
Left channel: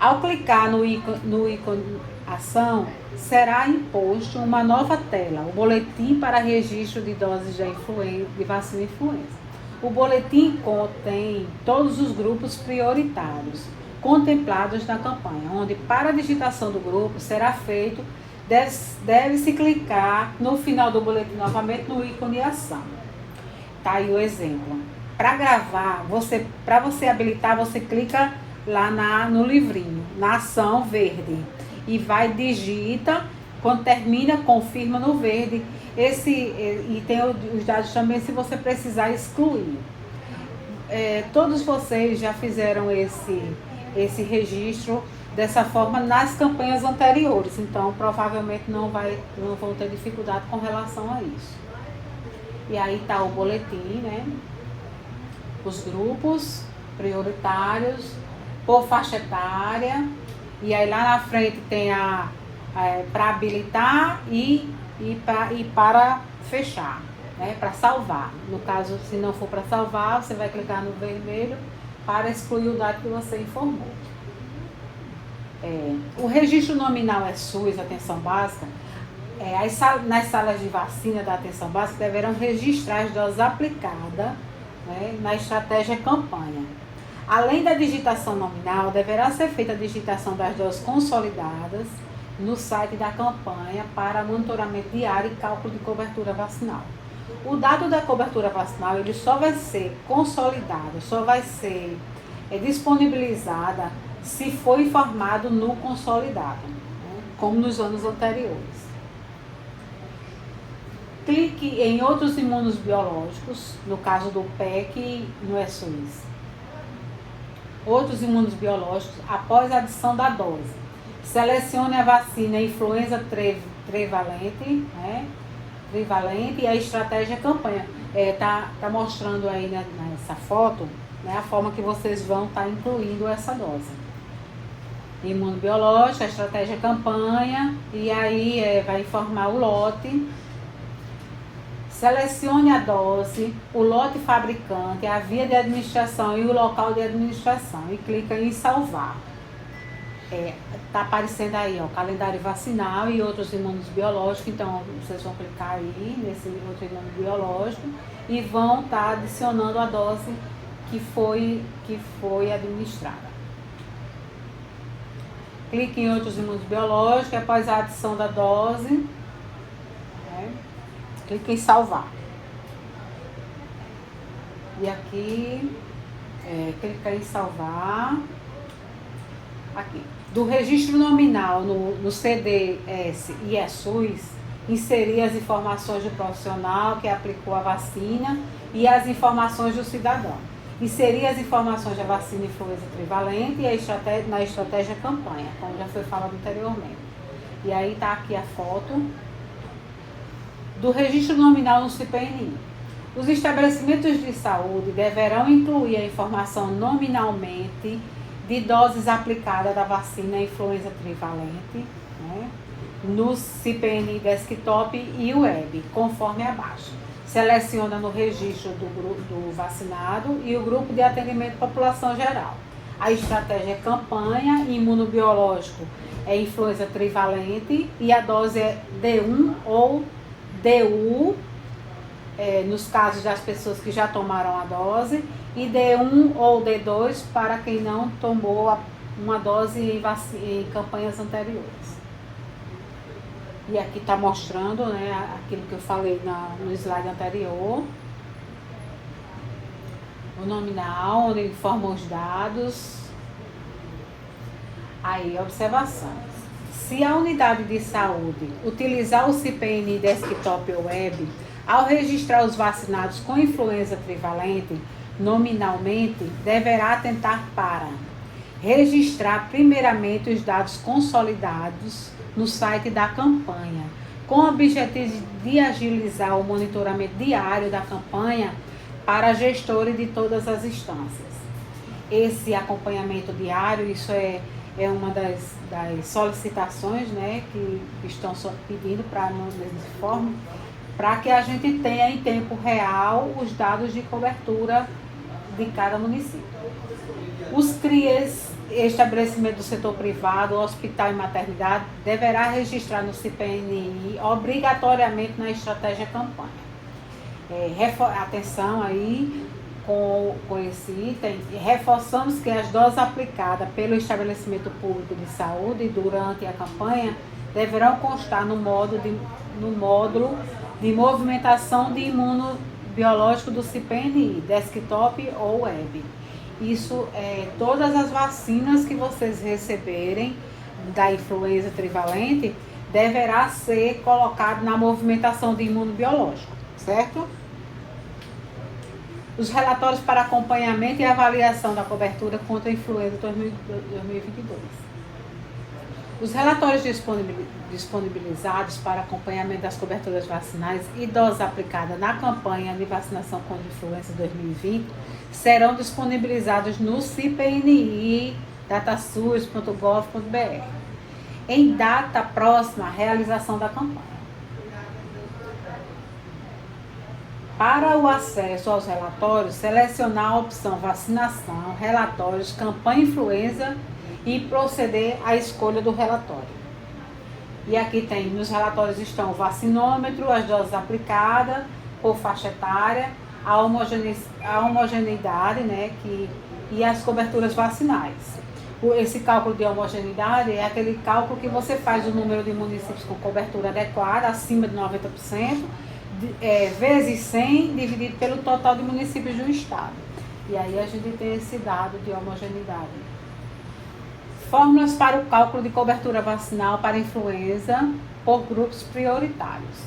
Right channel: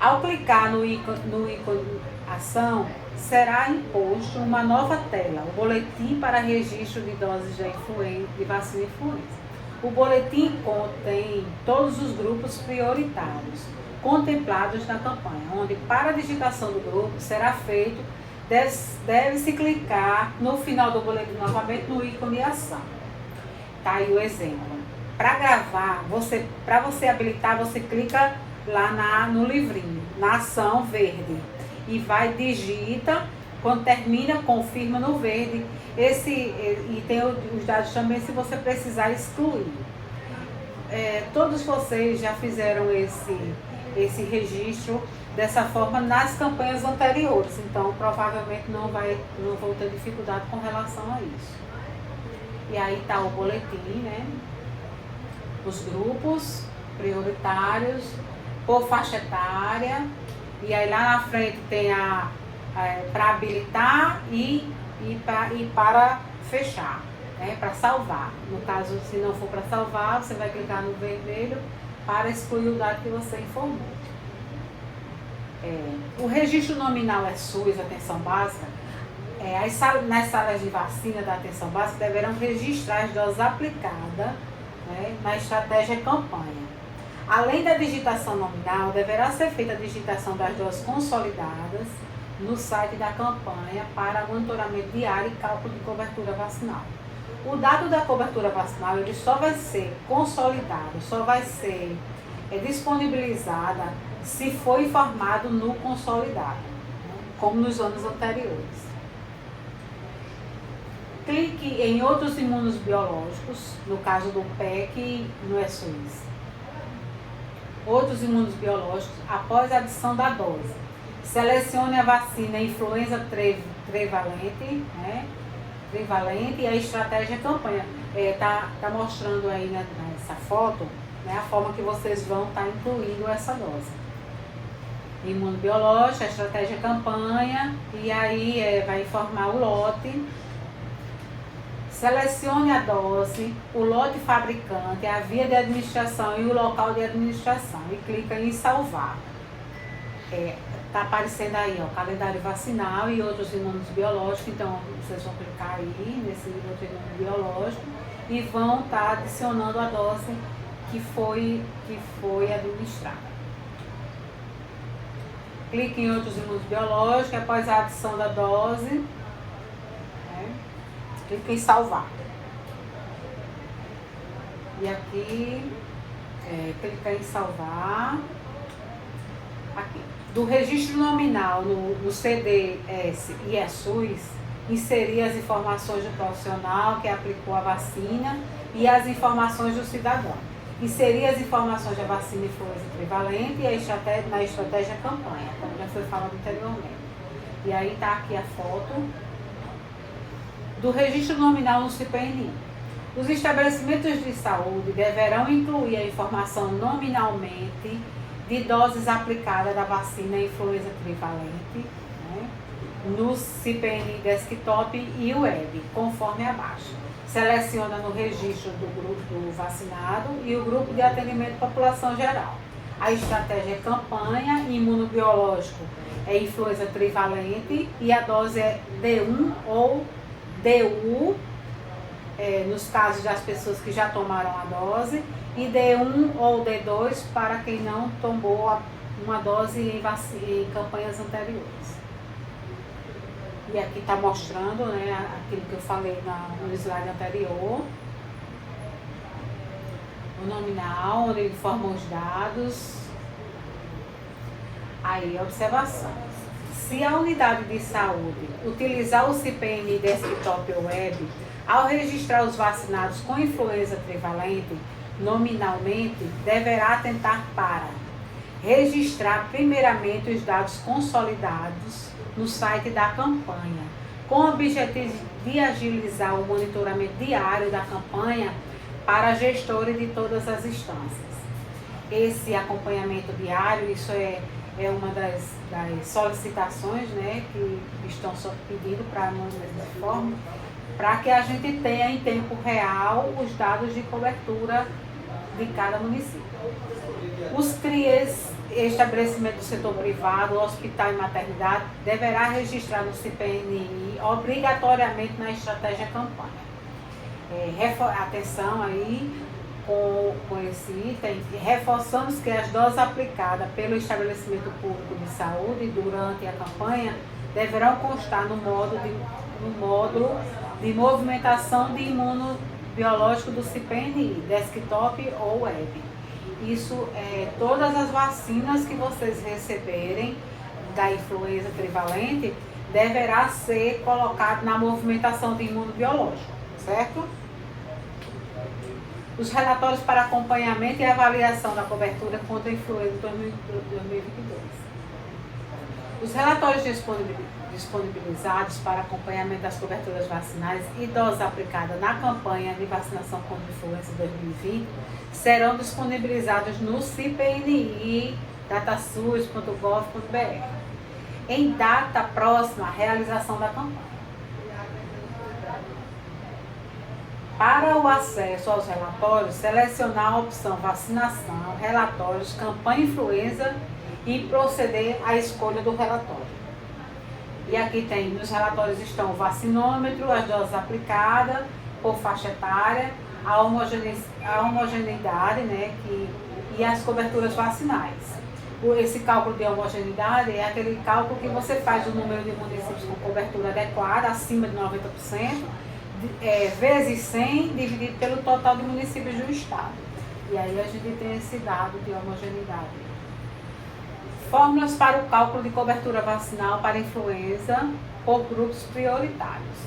Ao clicar no ícone ação, será imposto uma nova tela, o boletim para registro de doses de vacina influenza. O boletim contém todos os grupos prioritários contemplados na campanha, onde para a digitação do grupo será feito, deve-se clicar no final do boletim novamente no ícone ação. Tá aí o exemplo. Para gravar, para você habilitar, você clica lá no livrinho, na ação verde, e digita, quando termina, confirma no verde, e tem os dados também se você precisar excluir. Todos vocês já fizeram esse registro dessa forma nas campanhas anteriores, então provavelmente não vão ter dificuldade com relação a isso. E aí está o boletim, né? Os grupos prioritários, por faixa etária, e aí lá na frente tem para habilitar e para fechar, né, para salvar. No caso, se não for para salvar, você vai clicar no vermelho para excluir o dado que você informou. O registro nominal SUS, atenção básica, nas salas de vacina da atenção básica deverão registrar as doses aplicadas, né, na estratégia campanha. Além da digitação nominal, deverá ser feita a digitação das doses consolidadas no site da campanha para monitoramento diário e cálculo de cobertura vacinal. O dado da cobertura vacinal ele só vai ser consolidado, só vai ser disponibilizada se for informado no consolidado, como nos anos anteriores. Clique em outros imunobiológicos, no caso do PEC e no ESUS. Outros imunobiológicos após a adição da dose. Selecione a vacina influenza trivalente, né? Trivalente, e a estratégia campanha. Tá mostrando aí, né, nessa foto, né, a forma que vocês vão estar incluindo essa dose. Imunobiológica, a estratégia campanha, e aí vai informar o lote. Selecione a dose, o lote fabricante, a via de administração e o local de administração e clica em salvar. Tá aparecendo aí, ó, calendário vacinal e outros imunobiológicos, então vocês vão clicar aí nesse outro imunobiológico e vão estar adicionando a dose que foi administrada. Clique em outros imunobiológicos após a adição da dose. Clique em salvar. E aqui, clica em salvar. Aqui. Do registro nominal no CDS e ESUS, inserir as informações do profissional que aplicou a vacina e as informações do cidadão. Inserir as informações da vacina influenza trivalente e na estratégia campanha, como já foi falado anteriormente. E aí está aqui a foto do registro nominal no CIPNI. Os estabelecimentos de saúde deverão incluir a informação nominalmente de doses aplicadas da vacina influenza trivalente, né, no CPNI desktop e web, conforme abaixo. Seleciona no registro do grupo do vacinado e o grupo de atendimento à população geral. A estratégia é campanha, imunobiológico é influenza trivalente e a dose é D1 ou DU, nos casos das pessoas que já tomaram a dose, e D1 ou D2 para quem não tomou uma dose em campanhas anteriores. E aqui está mostrando, né, aquilo que eu falei no slide anterior. O nominal, onde informa os dados. Aí, observações. Se a unidade de saúde utilizar o CPNI desktop ou web, ao registrar os vacinados com influenza trivalente, nominalmente, deverá atentar para registrar primeiramente os dados consolidados no site da campanha, com o objetivo de agilizar o monitoramento diário da campanha para gestores de todas as instâncias. Esse acompanhamento diário, isso é uma das solicitações, né, que estão pedindo para nós dessa forma, para que a gente tenha em tempo real os dados de cobertura de cada município. Os CRIEs, estabelecimento do setor privado, hospital e maternidade, deverá registrar no CPNI obrigatoriamente na estratégia campanha. Atenção aí com esse item, reforçamos que as doses aplicadas pelo estabelecimento público de saúde durante a campanha deverão constar no módulo de movimentação de imunobiológico do CPNI, desktop ou web. Isso é todas as vacinas que vocês receberem da influenza trivalente deverá ser colocado na movimentação de imunobiológico, certo? Os relatórios para acompanhamento e avaliação da cobertura contra a influenza 2022. Os relatórios disponibilizados para acompanhamento das coberturas vacinais e doses aplicadas na campanha de vacinação contra a influenza 2020 serão disponibilizados no CPNI datasus.gov.br em data próxima à realização da campanha. Para o acesso aos relatórios, selecionar a opção vacinação, relatórios, campanha influenza e proceder à escolha do relatório. E aqui tem, nos relatórios estão o vacinômetro, as doses aplicadas por faixa etária, a homogeneidade, né, e as coberturas vacinais. Esse cálculo de homogeneidade é aquele cálculo que você faz o número de municípios com cobertura adequada, acima de 90%, vezes 100, dividido pelo total de municípios do estado. E aí a gente tem esse dado de homogeneidade. Fórmulas para o cálculo de cobertura vacinal para influenza por grupos prioritários.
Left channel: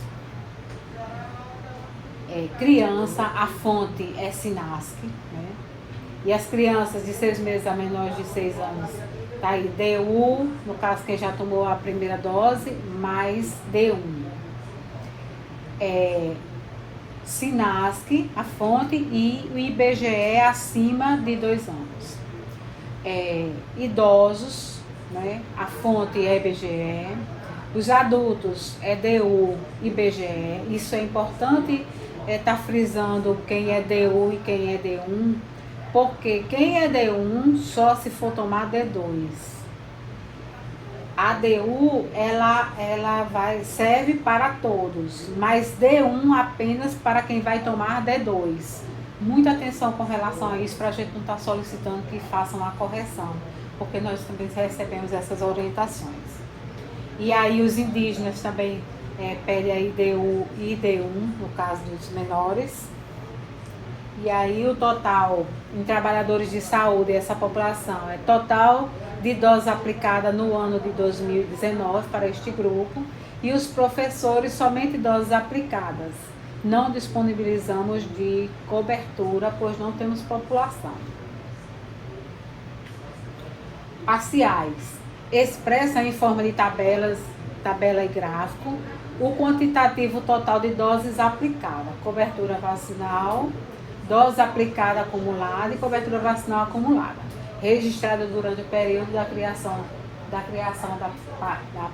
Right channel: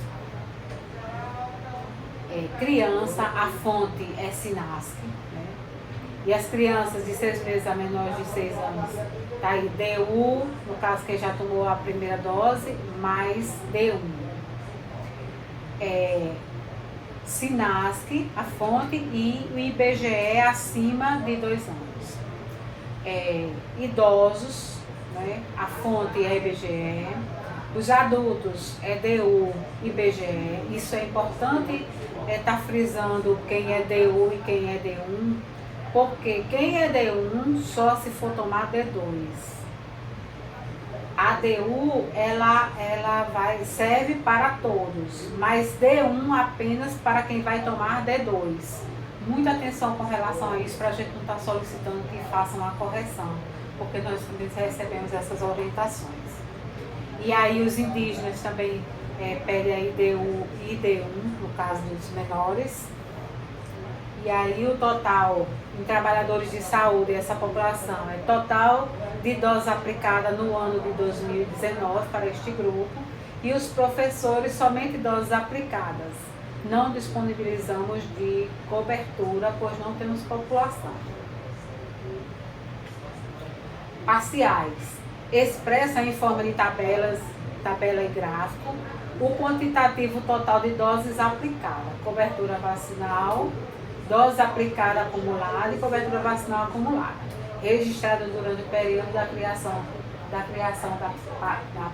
Criança, a fonte é SINASC, né? E as crianças de 6 meses a menores de 6 anos, tá aí DU, no caso quem já tomou a primeira dose, mais D1. SINASC, a fonte, e o IBGE acima de 2 anos. Idosos, né? A fonte é IBGE. Os adultos é DU, IBGE. Isso é importante estar frisando quem é DU e quem é D1, porque quem é D1 só se for tomar D2. A DU, ela serve para todos, mas D1 apenas para quem vai tomar D2. Muita atenção com relação a isso, para a gente não estar solicitando que façam a correção, porque nós também recebemos essas orientações. E aí os indígenas também pedem aí DU e D1, no caso dos menores. E aí o total em trabalhadores de saúde, essa população, é total de doses aplicadas no ano de 2019 para este grupo, e os professores somente doses aplicadas. Não disponibilizamos de cobertura, pois não temos população. Parciais. Expressa em forma de tabela e gráfico o quantitativo total de doses aplicadas, cobertura vacinal, dose aplicada acumulada e cobertura vacinal acumulada. registrada durante o período da criação da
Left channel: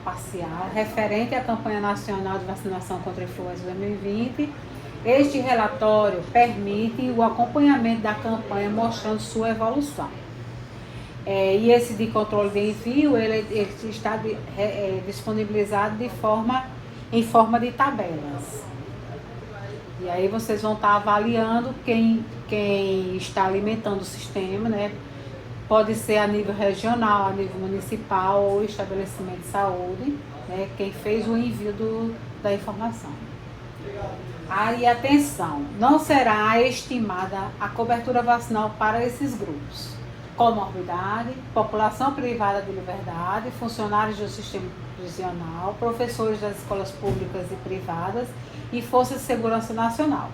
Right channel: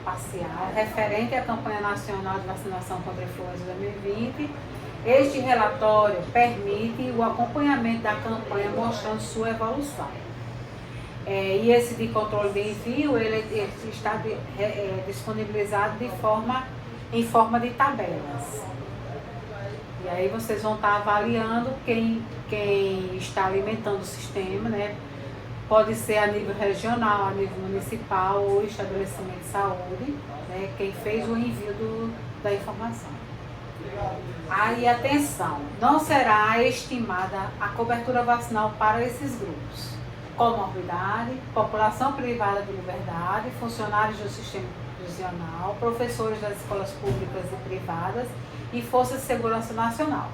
parcial, referente à campanha nacional de vacinação contra a influenza 2020. Este relatório permite o acompanhamento da campanha, mostrando sua evolução. E esse de controle de envio, ele está disponibilizado em forma de tabelas. E aí vocês vão estar avaliando quem está alimentando o sistema, né? Pode ser a nível regional, a nível municipal ou estabelecimento de saúde, né? Quem fez o envio da informação. Aí, atenção, não será estimada a cobertura vacinal para esses grupos: comorbidade, população privada de liberdade, funcionários do sistema prisional, professores das escolas públicas e privadas e Força de Segurança Nacional.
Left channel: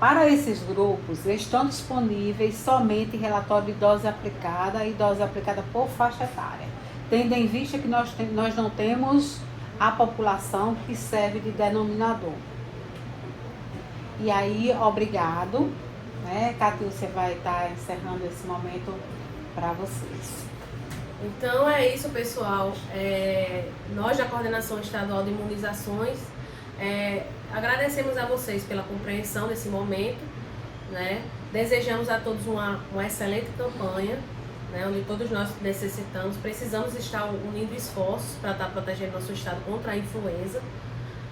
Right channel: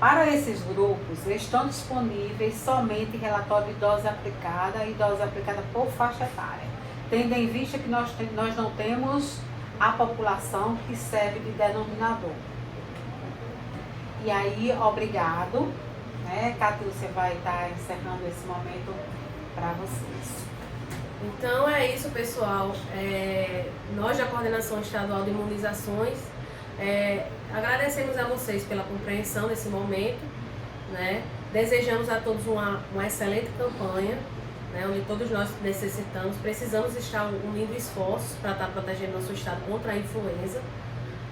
Para esses grupos, estão disponíveis somente relatório de dose aplicada e dose aplicada por faixa etária, tendo em vista que nós não temos a população que serve de denominador. E aí, obrigado, né? Catiúcia vai estar encerrando esse momento para vocês. Então é isso, pessoal. Nós da Coordenação Estadual de Imunizações agradecemos a vocês pela compreensão desse momento, né? Desejamos a todos uma excelente campanha, né? Onde todos nós precisamos estar unindo esforços para estar protegendo nosso estado contra a influenza,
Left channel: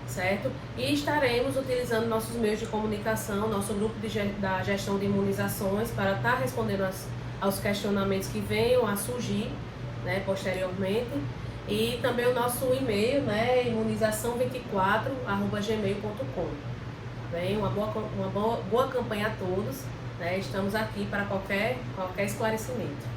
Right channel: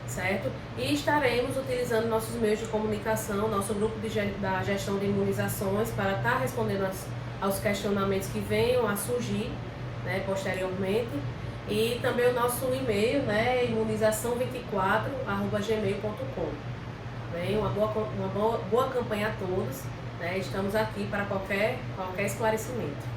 certo? E estaremos utilizando nossos meios de comunicação, nosso grupo da gestão de imunizações, para estar respondendo aos questionamentos que venham a surgir, né, posteriormente. E também o nosso e-mail, né, imunização24@gmail.com. Bem, uma boa campanha a todos, né? Estamos aqui para qualquer esclarecimento.